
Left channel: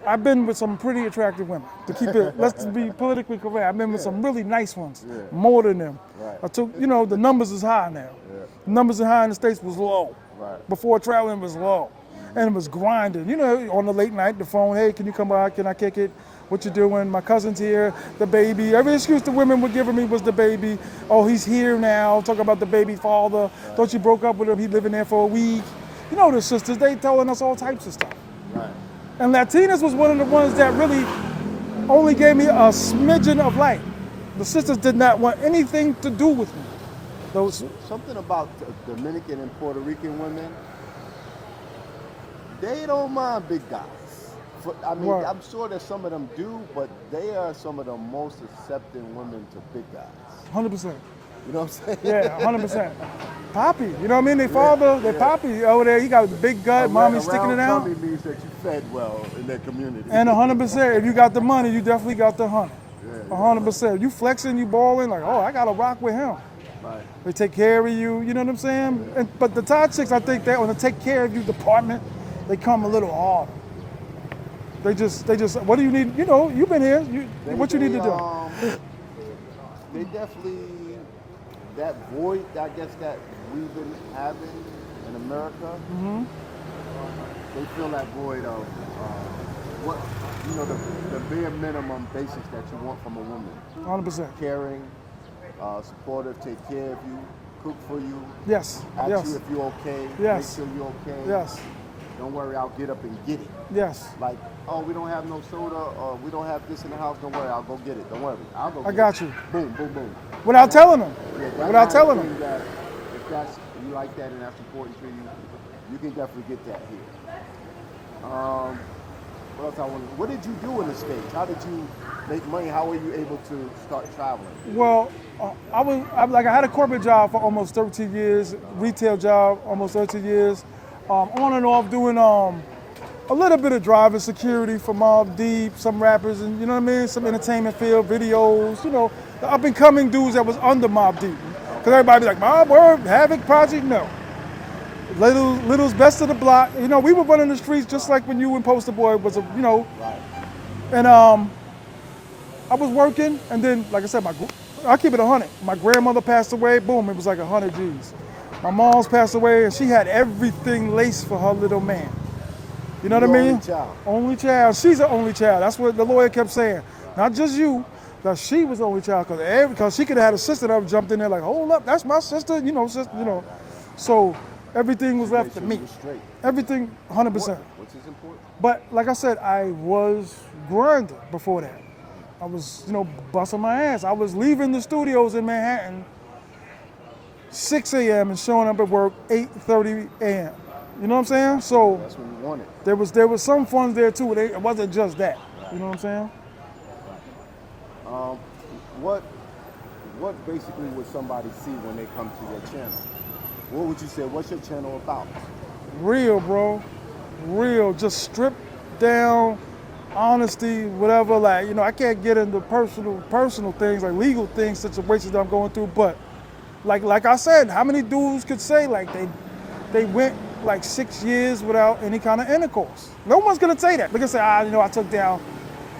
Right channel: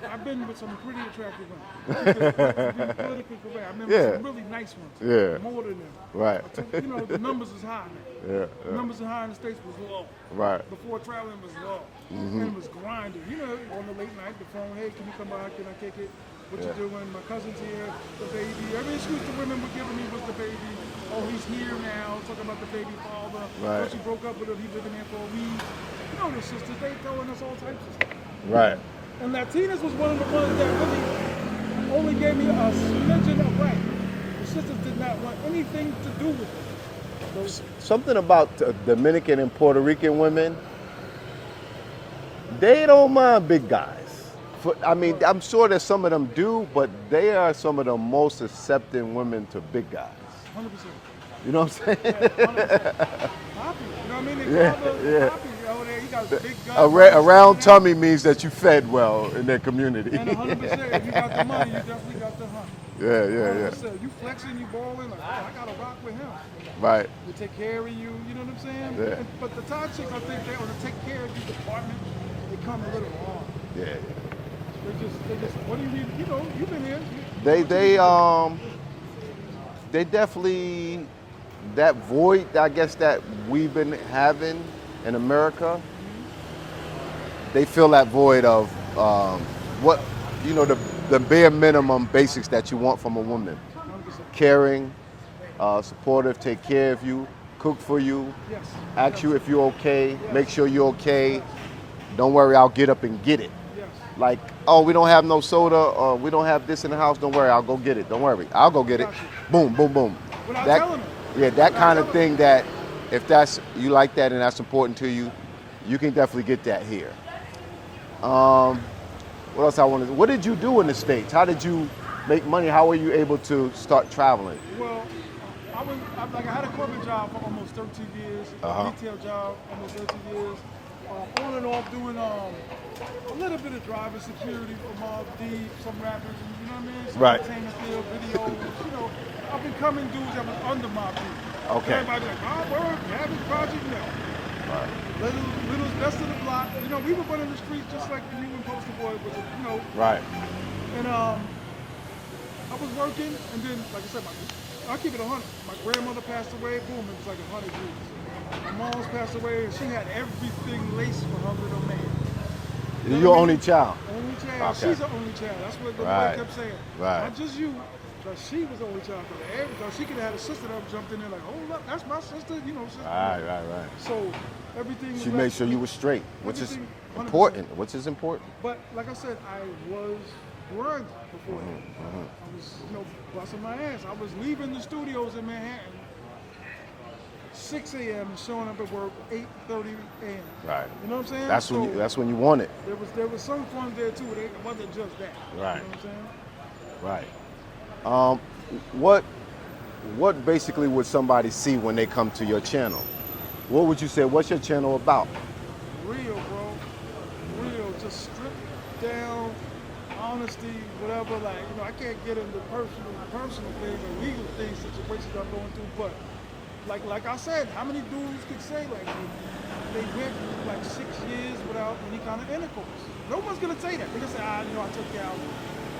I've been with some pretty attractive women. To keep it, let's be politically correct. I've been with some really nice ones. Yeah. More than them. Right. I took, the numbers is high now. Yeah. The numbers in high in the States was low. Right. Before traveling was low. And it was grinding. On the late night, the phone, hey, can you come by? Can I kick it? What you doing? My cousin's here, the baby. Every excuse the women were giving me was the baby. Oh, he's here now. Talk about the baby father. Right. Thought you broke up with him. He living there for a week. The sisters, they telling us all types of stuff. Right. And Latinas was one of the ones that really only gave me a smidgen of light. The sisters did not want anything to do with me. Those, Something about Dominican and Puerto Rican women, they don't mind big guys. Right. I'm sure that some of them do, but they are some of the most accepting women to big guys. 100%. You know what I'm saying? Yeah, 100%. Poppy, you know what I mean? They father, they Poppy over there, he got a big gun. A money sticking round it out. tummy means that you fed well in their community. And 100%, if you got the money, you definitely got the hunt. Yeah. 100%. You flexing, you balling, like, oh, I got to rock with him. Right. They take care of you, you know what I'm saying? Yeah. But the Thai chicks, I think that on the take care of you department, they come a little hard. Yeah. They just, what do you need? You've been here. What you need to do? They definitely, that void, I guess, that we've been having in America, they fill that void of what, the bare minimum basics that you want from a woman. 100%. Caring, supportive, take care of you, cook for you, Yes. ask yes. you if you're okay, Yes. make sure you're okay. Yes. Don't worry, I'll get up and get it. Yes. Like, oh, we don't have no soda, or we don't have this in the house, don't worry, I'll go get it. Don't worry, I'll go get it. got you. Boom, boom, boom. Without telling them. Yeah, that Without kind of telling thing them. that if you like that and that's important to you, you can definitely get that here. What else I wanted? What did you do in the States? How did you make money? How were you able to start traveling? Well, I had a corporate job for almost 13 years, retail job almost 13 years, on and off doing a little bit of driving security for Mobb Deep, some rappers, and you know what I mean, some Right. entertainment field, videos, the up and coming dudes that was under Mobb Deep. Because Okay. everybody be like, Mobb, Word, Havoc, Project, no. Little's best of the block. We were running the streets just like when you and Poster Boy was, Right. and I was working, and then, like I said, I keep it 100. My grandmother passed away, boom, it was like 100 G's. My mom's passed away, and she had everything laced for her little man. You know You're what I mean? only child. Only child. Okay. She's an only child. That's what the lawyer Right. kept saying. Right. Not just you, because she was the only child. Because she could have had a sister that jumped in there like, hold up, that's my sister. Sister. Right. So everything was She left made for sure me. you were straight. Everything, which is 100%. important. Which is important. But like I said, I was grinding before that. I was, busting my ass. I was leaving the studios in Manhattan 6 a.m. and showing up at work 8:30 a.m. Right. You know what I'm saying? That's when you want it. there was some fun there too. It wasn't just that. Right. You know what I'm saying? Right. What basically would somebody see when they come to your channel? What would you say? What's your channel about? Real, bro. Real. Just stripped down, honesty, whatever. Like, I can't get into personal things, like legal things, situations that I'm going through. But like I said, how many dudes could say like they went like 6 years without any kind of intercourse? No one's gonna say that. They're gonna say, I took down.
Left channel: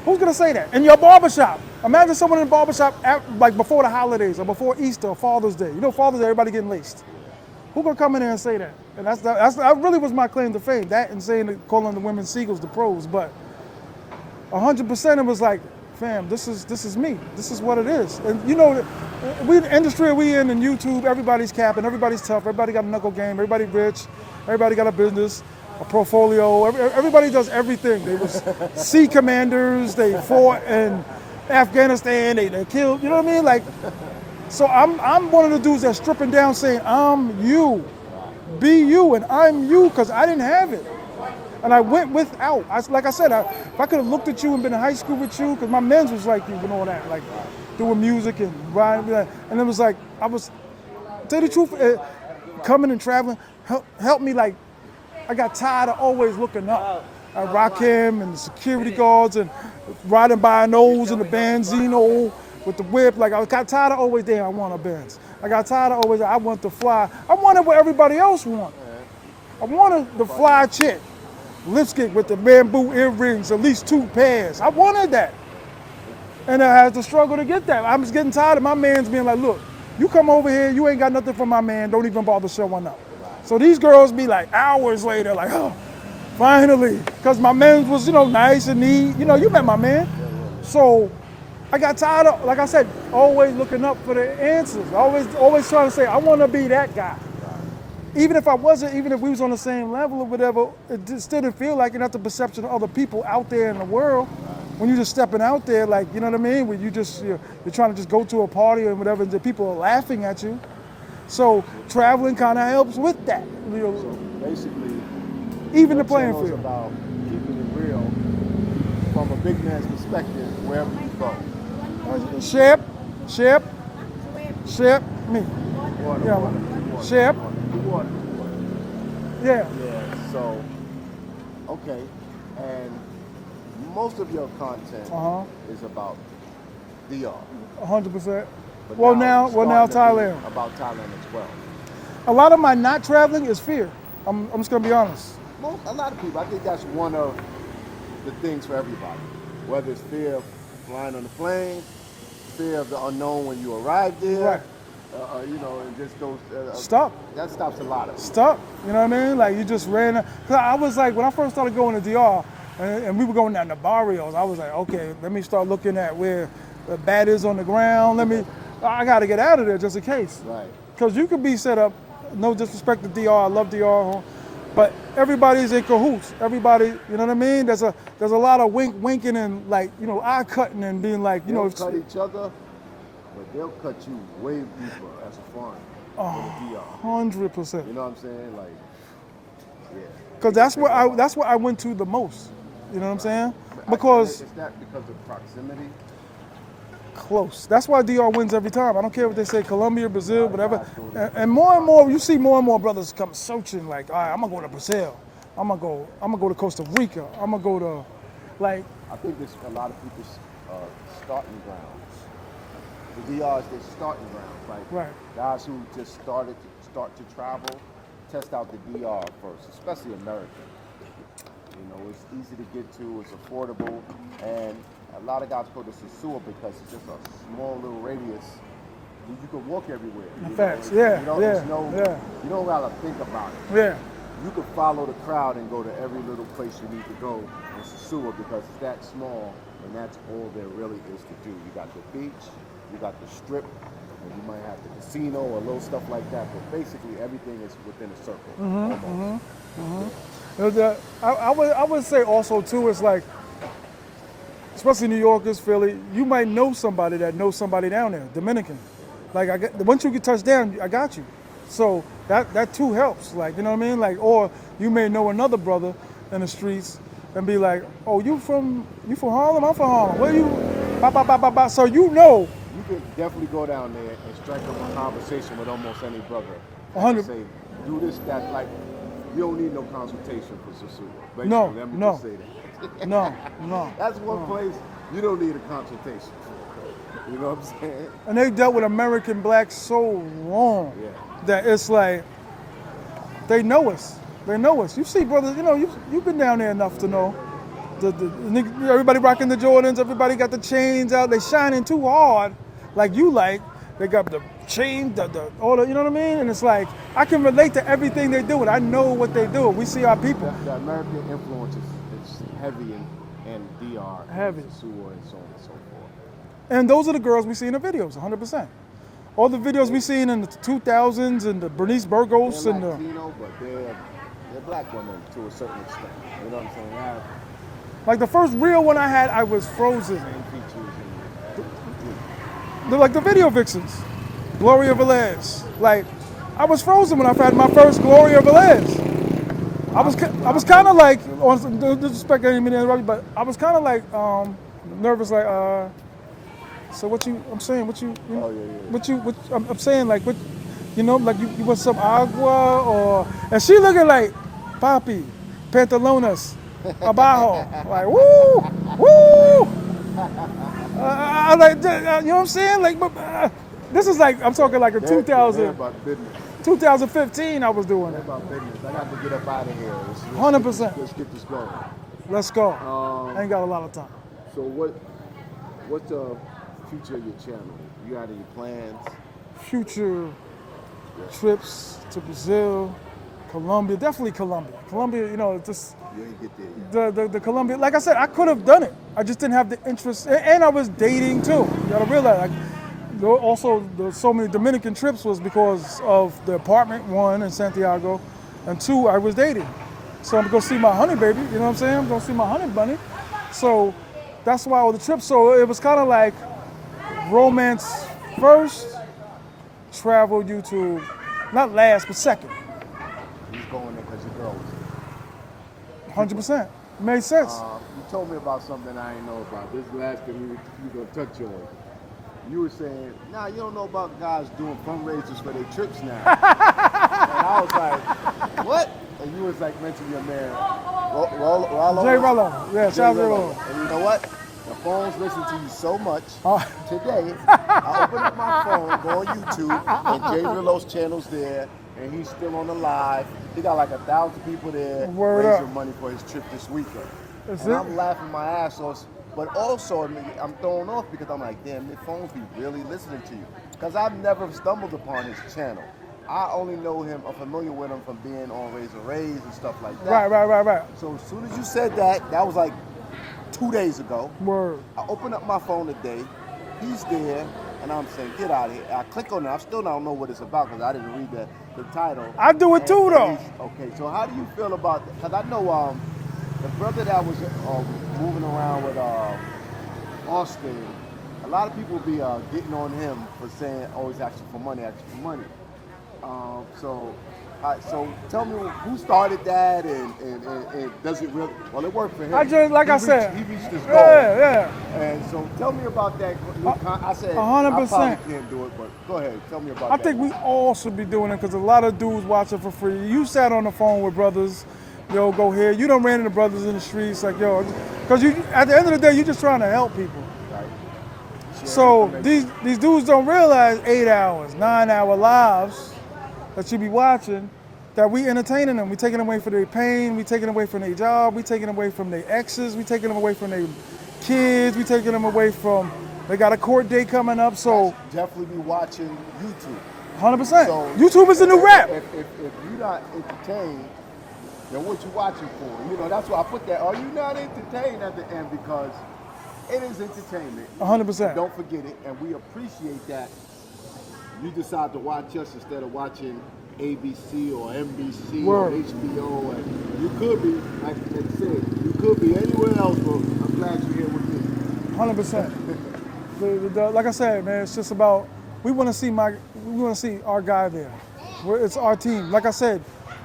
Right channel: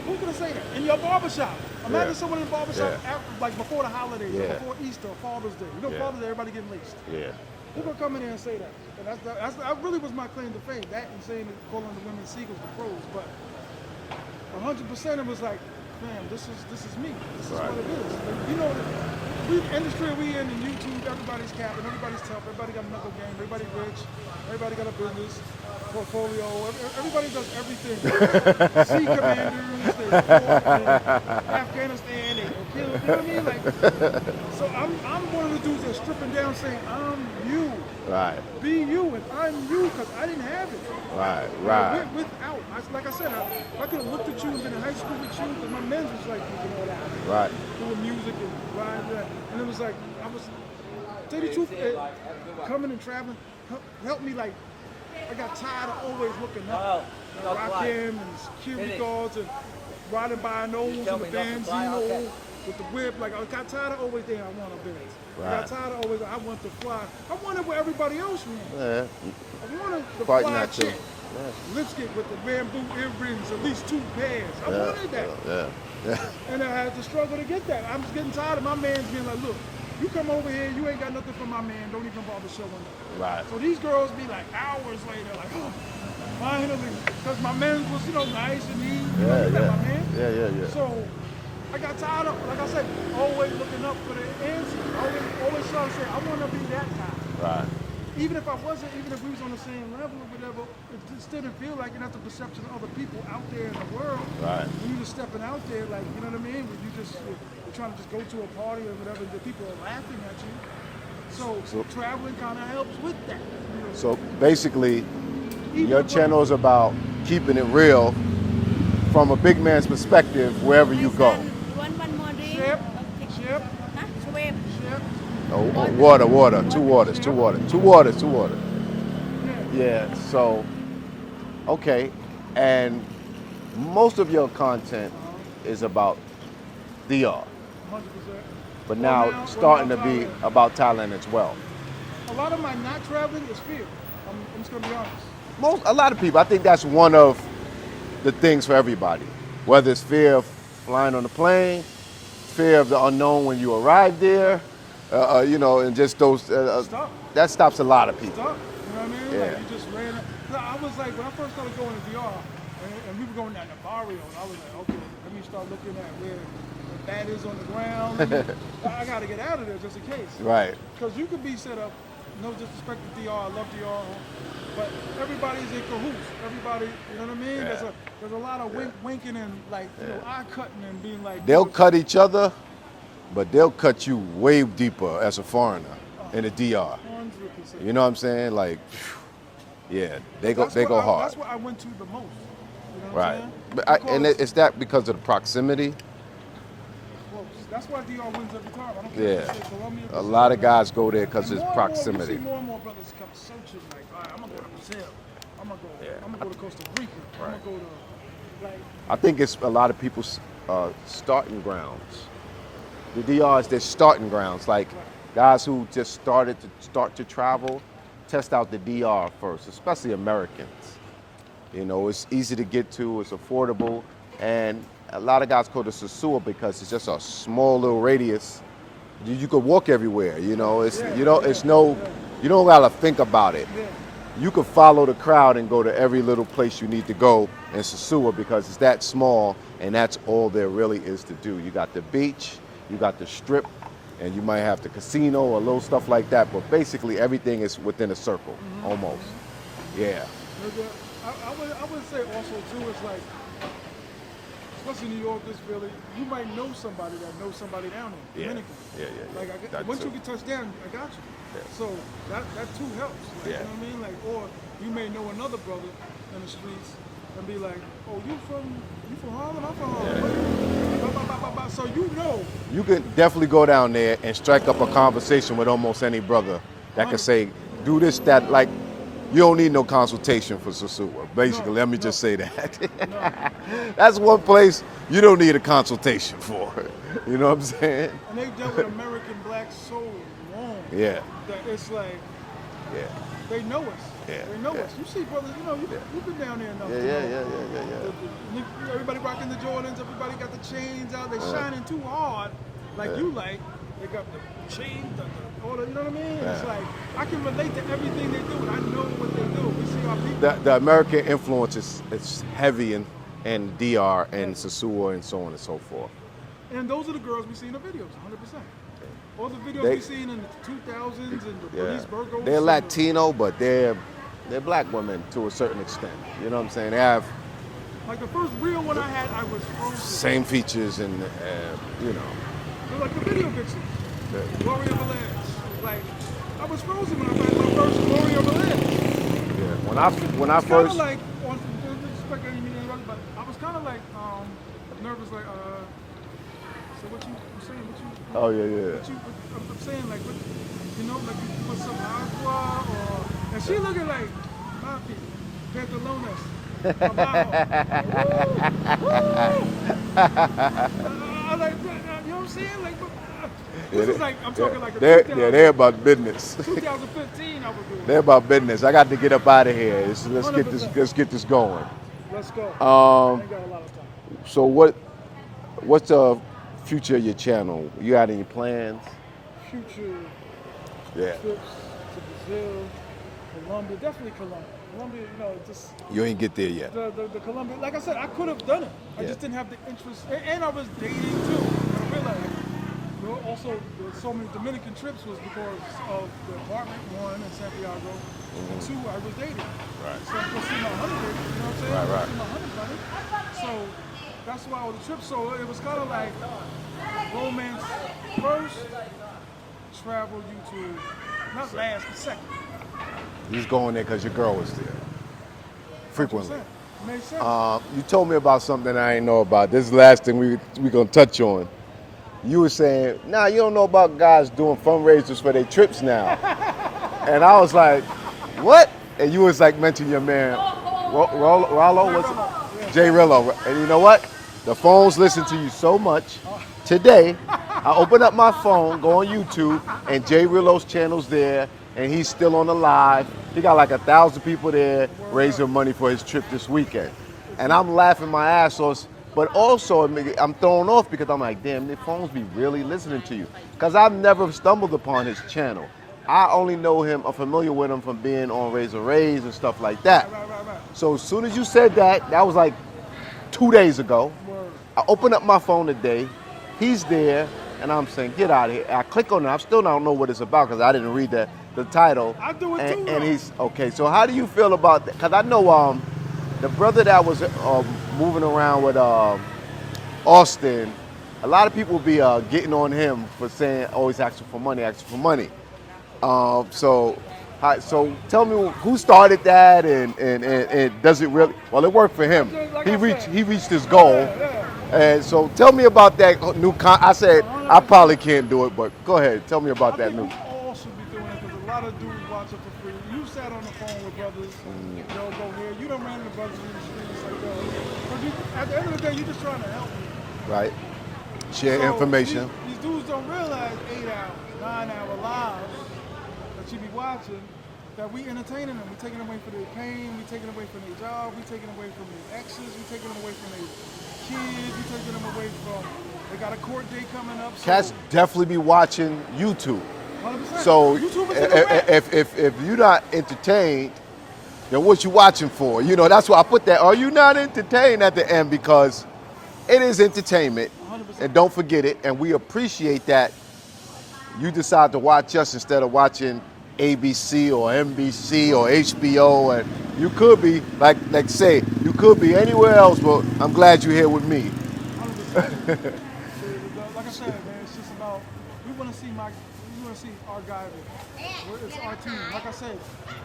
Who's gonna say that? In your barbershop. Imagine someone in the barbershop like before the holidays or before Easter or Father's Day. Father's Day, everybody getting laced. Yeah. Who gonna come in there and say that? And that really was my claim to fame. That and calling the women seagulls the pros. But 100% it was like, fam, this is me. This is what it is. And the industry we in YouTube, everybody's capping, everybody's tough, everybody got a knuckle game, everybody rich, everybody got a business, a portfolio. Everybody does everything. Sea commanders, they fought in Afghanistan, they killed. You know what I mean? Like, so I'm one of the dudes that's stripping down, saying I'm you. Right. Be you, and I'm you, because I didn't have it. Right. And I went without. Like I said, if I could have looked at you and been in high school with you, because my men's was like you and all that, like doing music and riding, and it was like tell you the truth, coming and traveling helped me. Like, I got tired of always looking up. I rock him and the security guards and riding by nose in the Benzino with the whip. Like, I got tired of always, I want a Benz. I got tired of always, I want to fly. I wanted what everybody else wanted. Yeah. I wanted the fly chick. Lipstick with the bamboo earrings, at least 2 pairs. I wanted that. And I had to struggle to get that. I was getting tired of my man's being like, look, you come over here, you ain't got nothing from my man, don't even bother showing up. Right. So these girls be like hours later, like, oh, finally. Because my man was, nice and neat. You met my man. Yeah. So I got tired of, like I said, always looking up for the answers. Always trying to say, I want to be that guy. Right. Even if I wasn't, even if we was on the same level or whatever, it still didn't feel like it. That's the perception of other people out there in the world. Right. When you're just stepping out there, like, you know what I mean? When you're trying to just go to a party or whatever, and the people are laughing at you. So traveling kind of helps with that. So basically, even your the playing channel is field. about keeping it real from a big man's perspective wherever you go. Shep, me. Water, two waters. Yeah. Yeah, so, okay. And most of your content is about DR. 100%. But now starting to Thailand. be about Thailand as well. A lot of my not traveling is fear. I'm just gonna be honest. A lot of people, I think that's one of the things for everybody. Whether it's fear of flying on the plane, fear of the unknown when you arrive there, and just those. Stop. That stops a lot of people. Stop. You know what I mean? Yeah. Like, you just ran. I was like, when I first started going to DR, and we were going down the barrios, I was like, okay, let me start looking at where the bat is on the ground. I got to get out of there just in case. Right. Because you could be set up, no disrespect to DR, I love DR, but everybody's in cahoots. Everybody, you know what I mean? Yeah. There's a lot of winking and like, eye cutting and being like. They'll cut each other, but they'll cut you way deeper as a foreigner in the DR. 100%. You know what I'm saying? Like, yeah. Because that's what I went to the most. You know what I'm saying? Because is that because of the proximity? Close. That's why DR wins every time. I don't care what they say, Colombia, Brazil. A lot of whatever. guys go there because and more and more, you see more and more brothers come searching. Like, all right, I'm gonna go to Brazil. I'm gonna go to Costa Rica. I'm gonna go to, like. I think it's a lot of people's starting grounds. The DR is their starting grounds. Like guys who just start to travel, test out the DR first, especially Americans. It's easy to get to, it's affordable, and a lot of guys go to Sosua because it's just a small little radius. You could walk everywhere. You don't gotta think about it. Yeah. You could follow the crowd and go to every little place you need to go in Sosua because it's that small, and that's all there really is to do. You got the beach, you got the strip, and you might have the casino or little stuff like that. But basically, everything is within a circle, almost. Yeah. I would say also too, it's like especially New Yorkers, Philly, you might know somebody that knows somebody down there, Dominican. Yeah. Like once you get touched down, I got you. So that too helps. Like you know what I mean? Like, or you may know another brother in the streets and be like, oh, you from Harlem? I'm from Harlem. Where you? Ba, ba, ba, ba, ba. So you know. You could definitely go down there and strike up a conversation with almost any brother that 100. can say, do this, that, like, you don't need no consultation for Sosua. Basically, let me just say that. No. That's one place you don't need a consultation for. You know what I'm saying? And they dealt with American blacks so long that it's like they know us. Yeah. They know us. You see, brothers, you know, you've been down there enough to know. Everybody rocking the Jordans, everybody got the chains out, they shining too hard, like you like. They got the chain, all the, you know what I mean? And it's like, I can relate to everything they do, and I know what they do. We see our people. The American influence is heavy in DR and Heavy. Sosua and so on and so forth. And those are the girls we see in the videos, 100%. All the videos we seen in the 2000s and the Bernice Burgos. They're Latino, but they're black women to a certain extent. You know what I'm saying? They have like the first real one I had, I was frozen. same features and, you know. They're like the video vixens. Gloria Velez. Like, I was frozen when I had my first Gloria Velez. I was kind of like, on some disrespect, I didn't mean to interrupt you, but I was kind of like nervous, like, so what you, I'm saying, what you, I'm saying, like, what, you know, like you want some agua or, and she looking like, Papi, pantalones, abajo, like, woo. I like, you know what I'm saying? Like, this is like, I'm talking like a 2000. They're about business. 2015 I was doing. They're about business. I got to get up out of here. Let's 100%. Let's get this going. Let's go. I ain't got a lot of time. So what's the future of your channel? You got any plans? Future trips to Brazil, Colombia, definitely Colombia. Colombia, you know, just You ain't get there yet. the Colombia. Like I said, I could have done it. I just didn't have the interest, and I was dating too. You gotta realize. Also, so many Dominican trips was because of the apartment, one, in Santiago, and two, I was dating. Right. So I'm gonna go see my honey baby, you know what I'm saying? I'm gonna see my honey bunny. So that's why all the trips. So it was kind of like romance first, travel YouTube, not last, but second. You was going there because your girl was there. 100%. Made sense. You told me about something I didn't know about. This is the last thing we gonna touch on. You were saying, nah, you don't know about guys doing fundraisers for their trips now. And I was like, what? And you was like, mention your man, Rollo? Jay Rello. Yeah, Jay Rello. And you know what? The phones listen to you so much. Today, I open up my phone, go on YouTube, and Jay Rello's channel's there, and he's still on the live. He got like 1,000 people there raising money for his trip this weekend. And I'm laughing my ass off. But also, I'm thrown off because I'm like, damn, the phones be really listening to you. Because I've never stumbled upon his channel. I only know him, I'm familiar with him from being on Razor Rays and stuff like that. Right. So as soon as you said that, that was like 2 days ago. Word. I open up my phone today, he's there, and I'm saying, get out of here. I click on it, I still don't know what it's about because I didn't read the title. I do it too, though. Okay, so how do you feel about that? Because I know the brother that was moving around with Austin, a lot of people be getting on him for saying, oh, he's asking for money. So tell me who started that and does it really, well, it worked for him. He reached his goal. Yeah. And so tell me about that new, I said, 100%. I probably can't do it, but go ahead, tell me about that. I think we all should be doing it because a lot of dudes watch it for free. You sat on the phone with brothers, yo, go here. You done ran into brothers in the streets, like, yo, because at the end of the day, you're just trying to help people. Right. Share information. These dudes don't realize 8 hours, 9-hour lives that you be watching, that we entertaining them. We taking them away from their pain. We taking them away from their job. We taking them away from their exes. We taking them away from their kids. We taking them away from, they got a court date coming up. So Cats definitely be watching YouTube. 100%. So YouTube is the new rap. If you're not entertained, then what you watching for? You know, that's why I put that, are you not entertained at the end? Because it is entertainment. 100%. And don't forget it. And we appreciate that you decide to watch us instead of watching ABC or NBC or HBO. And you could be, like say, you could be anywhere else, but I'm glad you're here with me. 100%. Like I said, man, it's just about we want to see our guy there. It's our team. Like I said,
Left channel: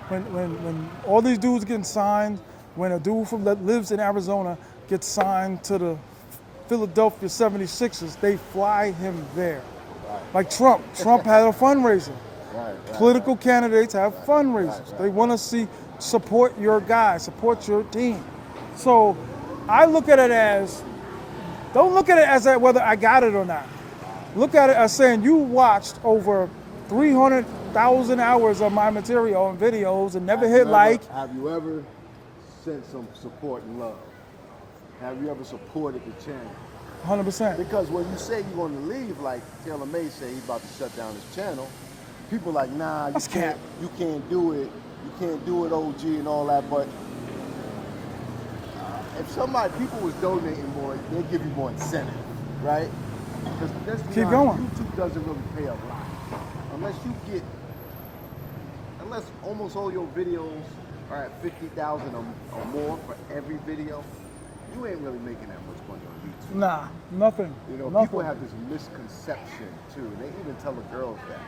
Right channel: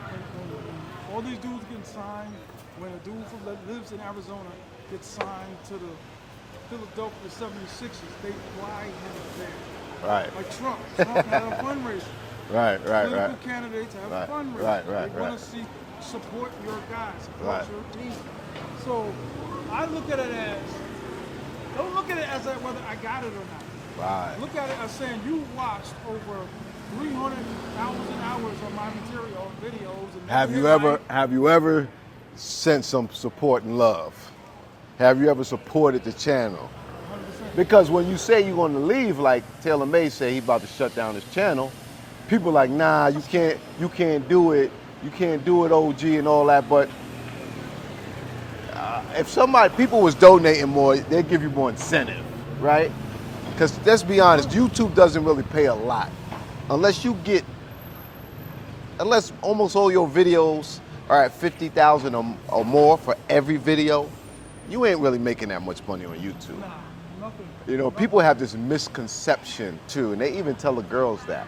when all these dudes getting signed, when a dude that lives in Arizona gets signed to the Philadelphia 76ers, they fly him there. Right. Like Trump. Trump had a fundraiser. Right. Political candidates have fundraisers. Right, they want to support your guy, support your team. So I look at it as, don't look at it as whether I got it or not. Right. Look at it as saying you watched over 300,000 hours of my material and videos and never hit like. Have you ever sent some support and love? Have you ever supported the channel? 100%. Because when you say you're going to leave, like Taylor May say he's about to shut down his channel, people are like, nah, you can't do it. You can't do it, OG, and all that. But if people was donating more, they'd give you more incentive, right? Because let's be honest, YouTube doesn't really pay a lot. Unless almost all your videos are at 50,000 or more for every video, you ain't really making that much money on YouTube. Nah, nothing. You know, people have this misconception too, and they even tell the girls that.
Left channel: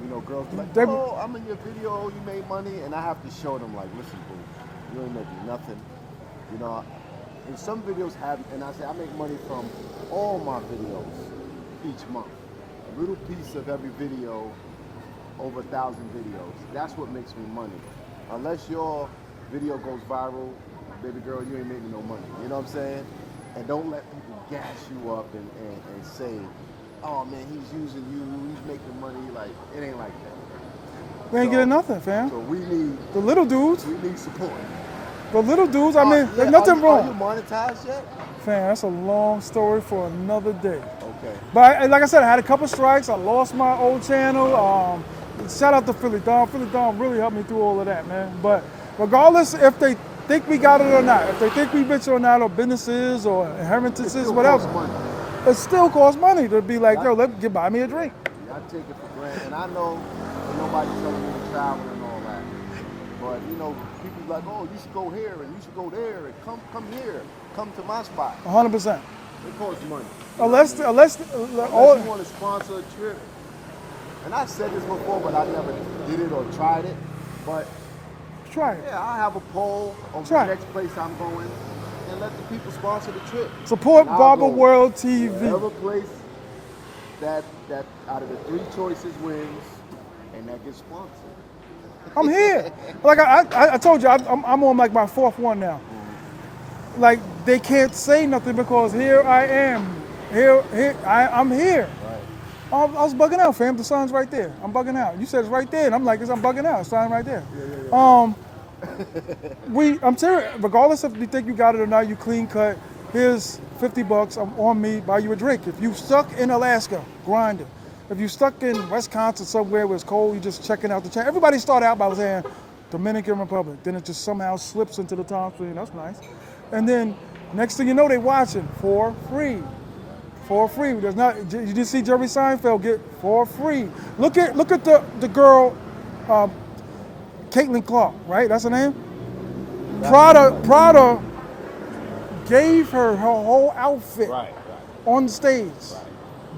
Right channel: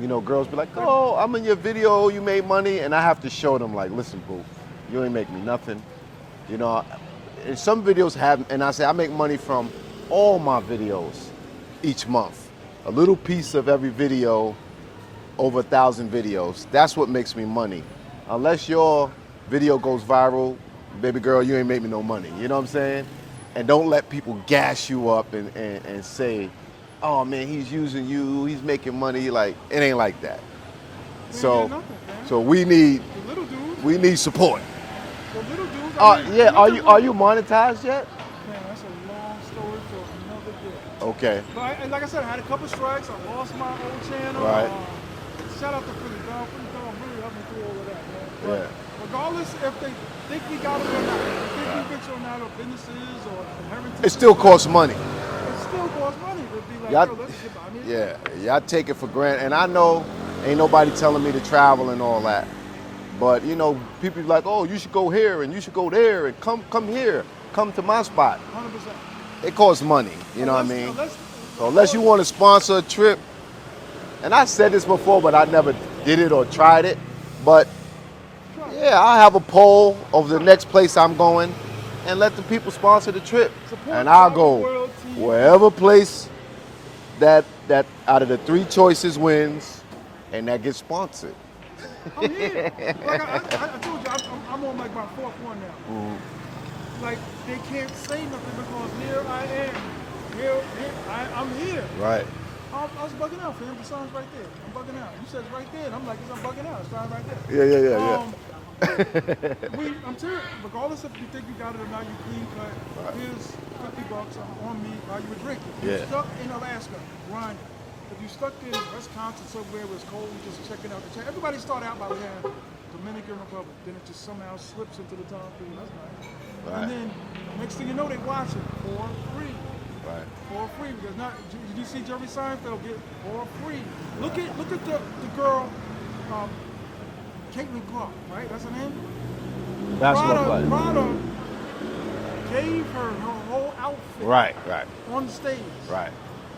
You know, girls be like, oh, I'm in your video, you made money, and I have to show them like, listen, boo, you ain't making nothing. You know, and some videos and I say I make money from all my videos each month. A little piece of every video, over 1,000 videos. That's what makes me money. Unless your video goes viral, baby girl, you ain't make me no money. You know what I'm saying? And don't let people gas you up and say, oh man, he's using you, he's making money. Like, it ain't like that. They ain't getting nothing, fam. So we need the little dudes. We need support. The little dudes, are you monetized yet? Fam, that's a long story for another day. Okay. But like I said, I had a couple strikes. I lost my old channel. Right. Shout out to Philly Dawn. Philly Dawn really helped me through all of that, man. But regardless if they think we got it or not, if they think we rich or not, or businesses or inheritances, it still costs money. It still costs money to be like, yo, let's buy me a drink. Yeah, I take it for granted. And I know ain't nobody telling me to travel and all that. But, you know, people be like, oh, you should go here and you should go there and come here. Come to my spot. 100%. It costs money. You know what I mean? Unless you want to sponsor a trip, and I said this before, but I never did it or tried it. But try it. Yeah, I'll have a poll of the next place I'm going and let the people sponsor the trip. Support Barber World TV. Wherever place that out of the 3 choices wins, and that gets sponsored. I'm here. Like I told you, I'm on like my 4th one now. Mm-hmm. Like they can't say nothing because here I am. I'm here. Right. I was bugging out, fam. The sign's right there. I'm bugging out. You said it's right there, and I'm like, I'm bugging out. The sign right there. Yeah. I'm serious. Regardless if you think you got it or not, you clean cut. Right. Here's $50. I'm on me. Buy you a drink. If you stuck in Alaska, grind it. If you stuck in Wisconsin somewhere where it's cold, you just checking out the channel. Everybody started out by saying Dominican Republic. Then it just somehow slips into the time stream. That's nice. Right. And then next thing you know, they watch it for free. For free. There's not. You just see Jerry Seinfeld get for free. Look at the girl, Caitlin Clark, right? That's her name. Prada gave her whole outfit. Right. On the stage. Right.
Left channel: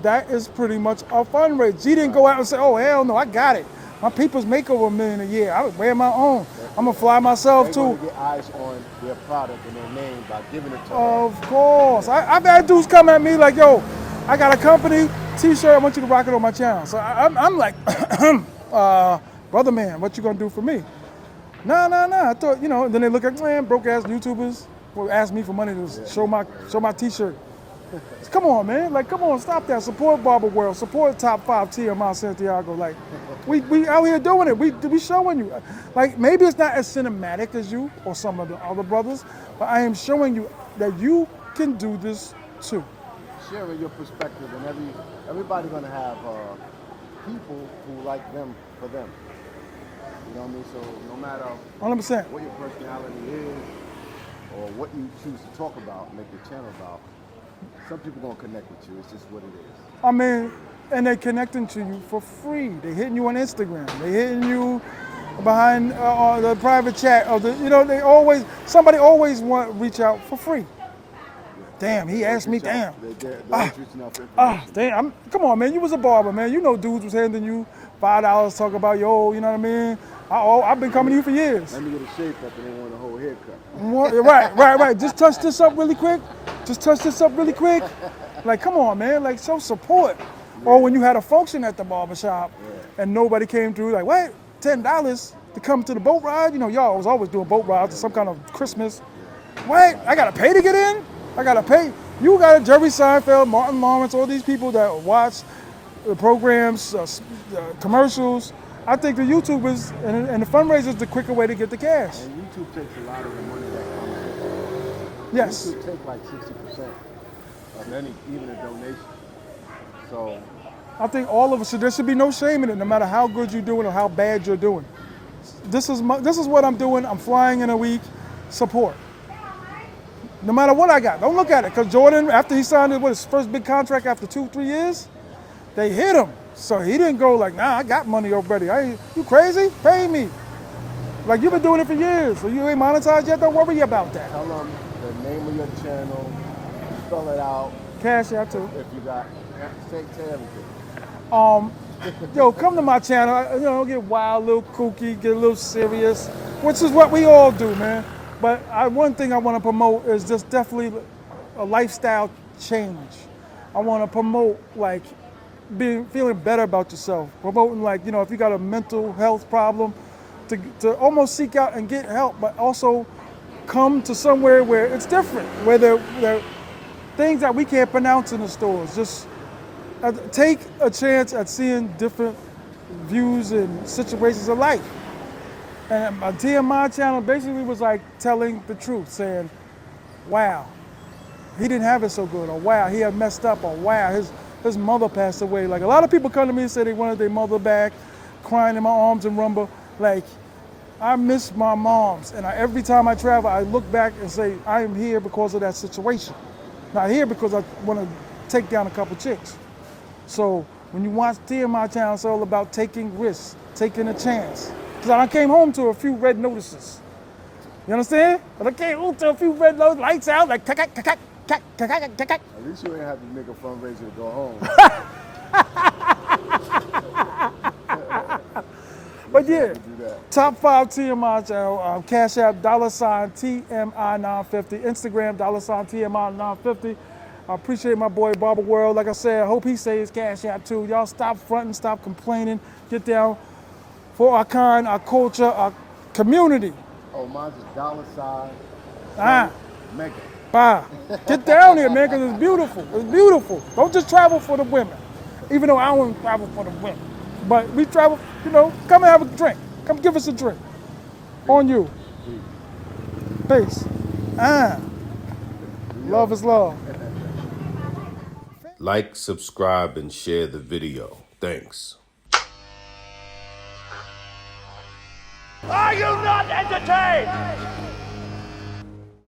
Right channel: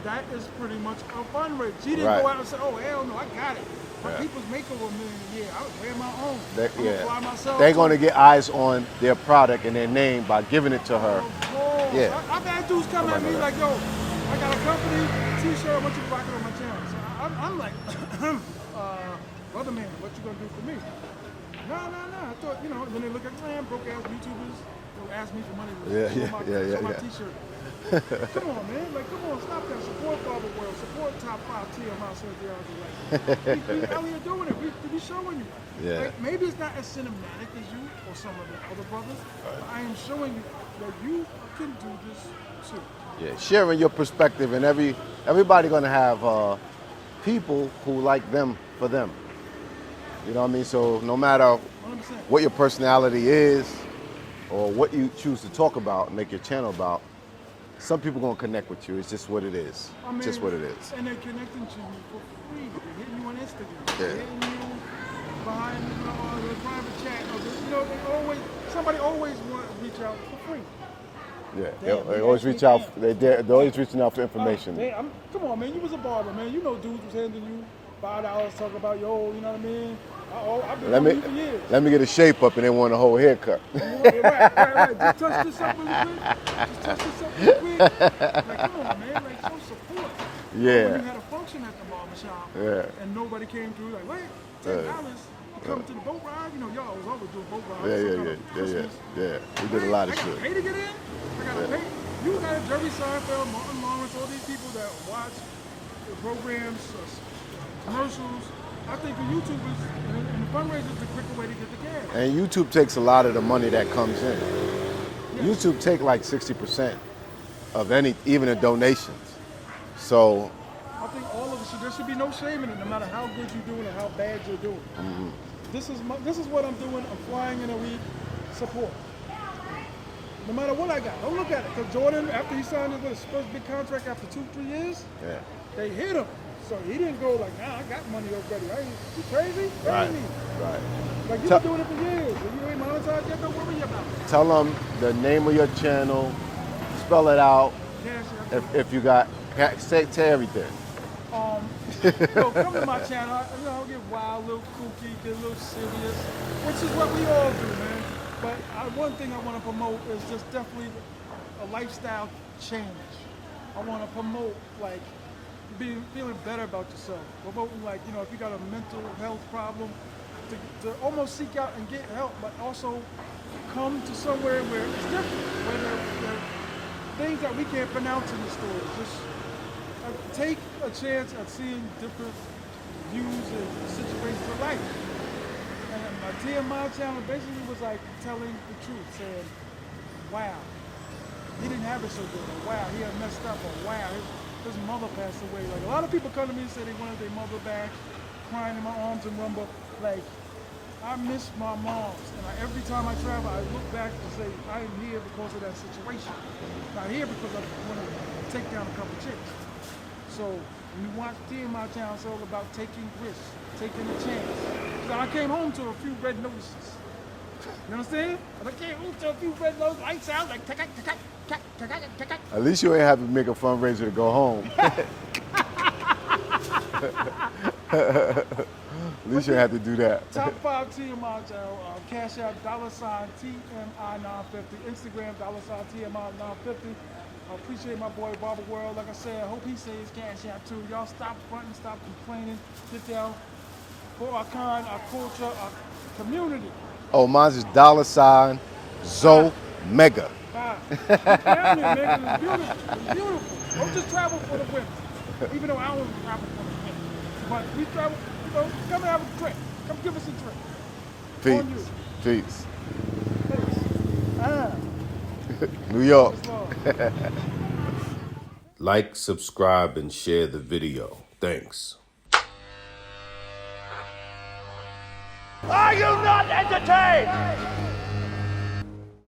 That is pretty much a fundraiser. She didn't go out and say, "Oh hell no, I got it. My people's make over $1 million a year. I would wear my own. I'm gonna fly myself." They're gonna get eyes on their product and their name by giving it to her. Of course. Yeah. I've had dudes come at me like, "Yo, I got a company T-shirt. I want you to rock it on my channel." So I'm like, brother man, what you gonna do for me? Nah. I thought, you know. Then they look at, man, broke ass YouTubers will ask me for money to show my T-shirt. Come on, man. Like, come on, stop that. Support Barber World. Support Top 5 TMI Santiago. Like, we out here doing it. We showing you. Yeah. Like, maybe it's not as cinematic as you or some of the other brothers, but I am showing you that you can do this too. Yeah, sharing your perspective, and everybody gonna have people who like them for them. You know what I mean? So no matter 100%. What your personality is, or what you choose to talk about and make your channel about, some people gonna connect with you. It's just what it is. I mean, it's just what it is. And they're connecting to you for free. They're hitting you on Instagram. They're hitting you behind the private chat. Somebody always want to reach out for free. Yeah. Damn, They he always asked me, reach out- damn. They're always reaching out for information. Damn, come on, man. You was a barber, man. You know dudes was handing you $5 talking about, yo, you know what I mean? I've been coming to you for years. Let me get a shape up and they want a whole haircut. Right. Just touch this up really quick. Like, come on, man. Like, show support. Yeah. Or when you had a function at the barbershop and nobody came through, like, what? $10 to come to the boat ride? You know, y'all was always doing boat rides or some kind of Christmas. Yeah. What? I gotta pay to get in? I gotta pay? You got Jerry Seinfeld, Martin Lawrence, all these people that watch the programs, commercials. I think the YouTubers and the fundraisers the quicker way to get the cash. And YouTube takes a lot of the money that comes in. Yes. YouTube take like 60% of even the donations. So I think all of us, there should be no shame in it, no matter how good you're doing or how bad you're doing. This is what I'm doing. I'm flying in a week. Support. No matter what I got. Don't look at it. Because Jordan, after he signed his first big contract after 2-3 years, they hit him. So he didn't go like, nah, I got money already. You crazy? Pay me. Like, you've been doing it for years. So you ain't monetized yet? Don't worry about that. Tell them the name of your channel, spell it out. Cash out too. If you got, say everything. Yo, come to my channel. You know, get wild, a little kooky, get a little serious, which is what we all do, man. But one thing I want to promote is just definitely a lifestyle change. I want to promote, like, feeling better about yourself. Promoting, like, you know, if you got a mental health problem, to almost seek out and get help, but also come to somewhere where it's different, where there are things that we can't pronounce in the stores. Just take a chance at seeing different views and situations of life. And my TMI channel basically was like telling the truth, saying, wow, he didn't have it so good, or wow, he had messed up, or wow, his mother passed away. Like, a lot of people come to me and say they wanted their mother back, crying in my arms and rumble. Like, I miss my moms, and every time I travel, I look back and say, I am here because of that situation. Not here because I want to take down a couple chicks. So when you watch TMI channel, it's all about taking risks, taking a chance. Because I came home to a few red notices. You understand? But I came home to a few red lights out, like, At least you ain't have to make a fundraiser to go home. At least you had to do that. Top 5 TMI channel, Cash App, $TMI950, Instagram, $TMI950. I appreciate my boy Barber World. Like I said, I hope he says Cash App too. Y'all stop fronting, stop complaining. Get down for our kind, our culture, our community. Oh, mine's is $Zoe Mega. Bye. Get down here, man, because it's beautiful. It's beautiful. Don't just travel for the women, even though I wouldn't travel for the women. But we travel, you know, come and have a drink. Come give us a drink. Peace. On you. Peace. Peace. New York. Love is love. Like, subscribe, and share the video. Thanks. Are you not entertained?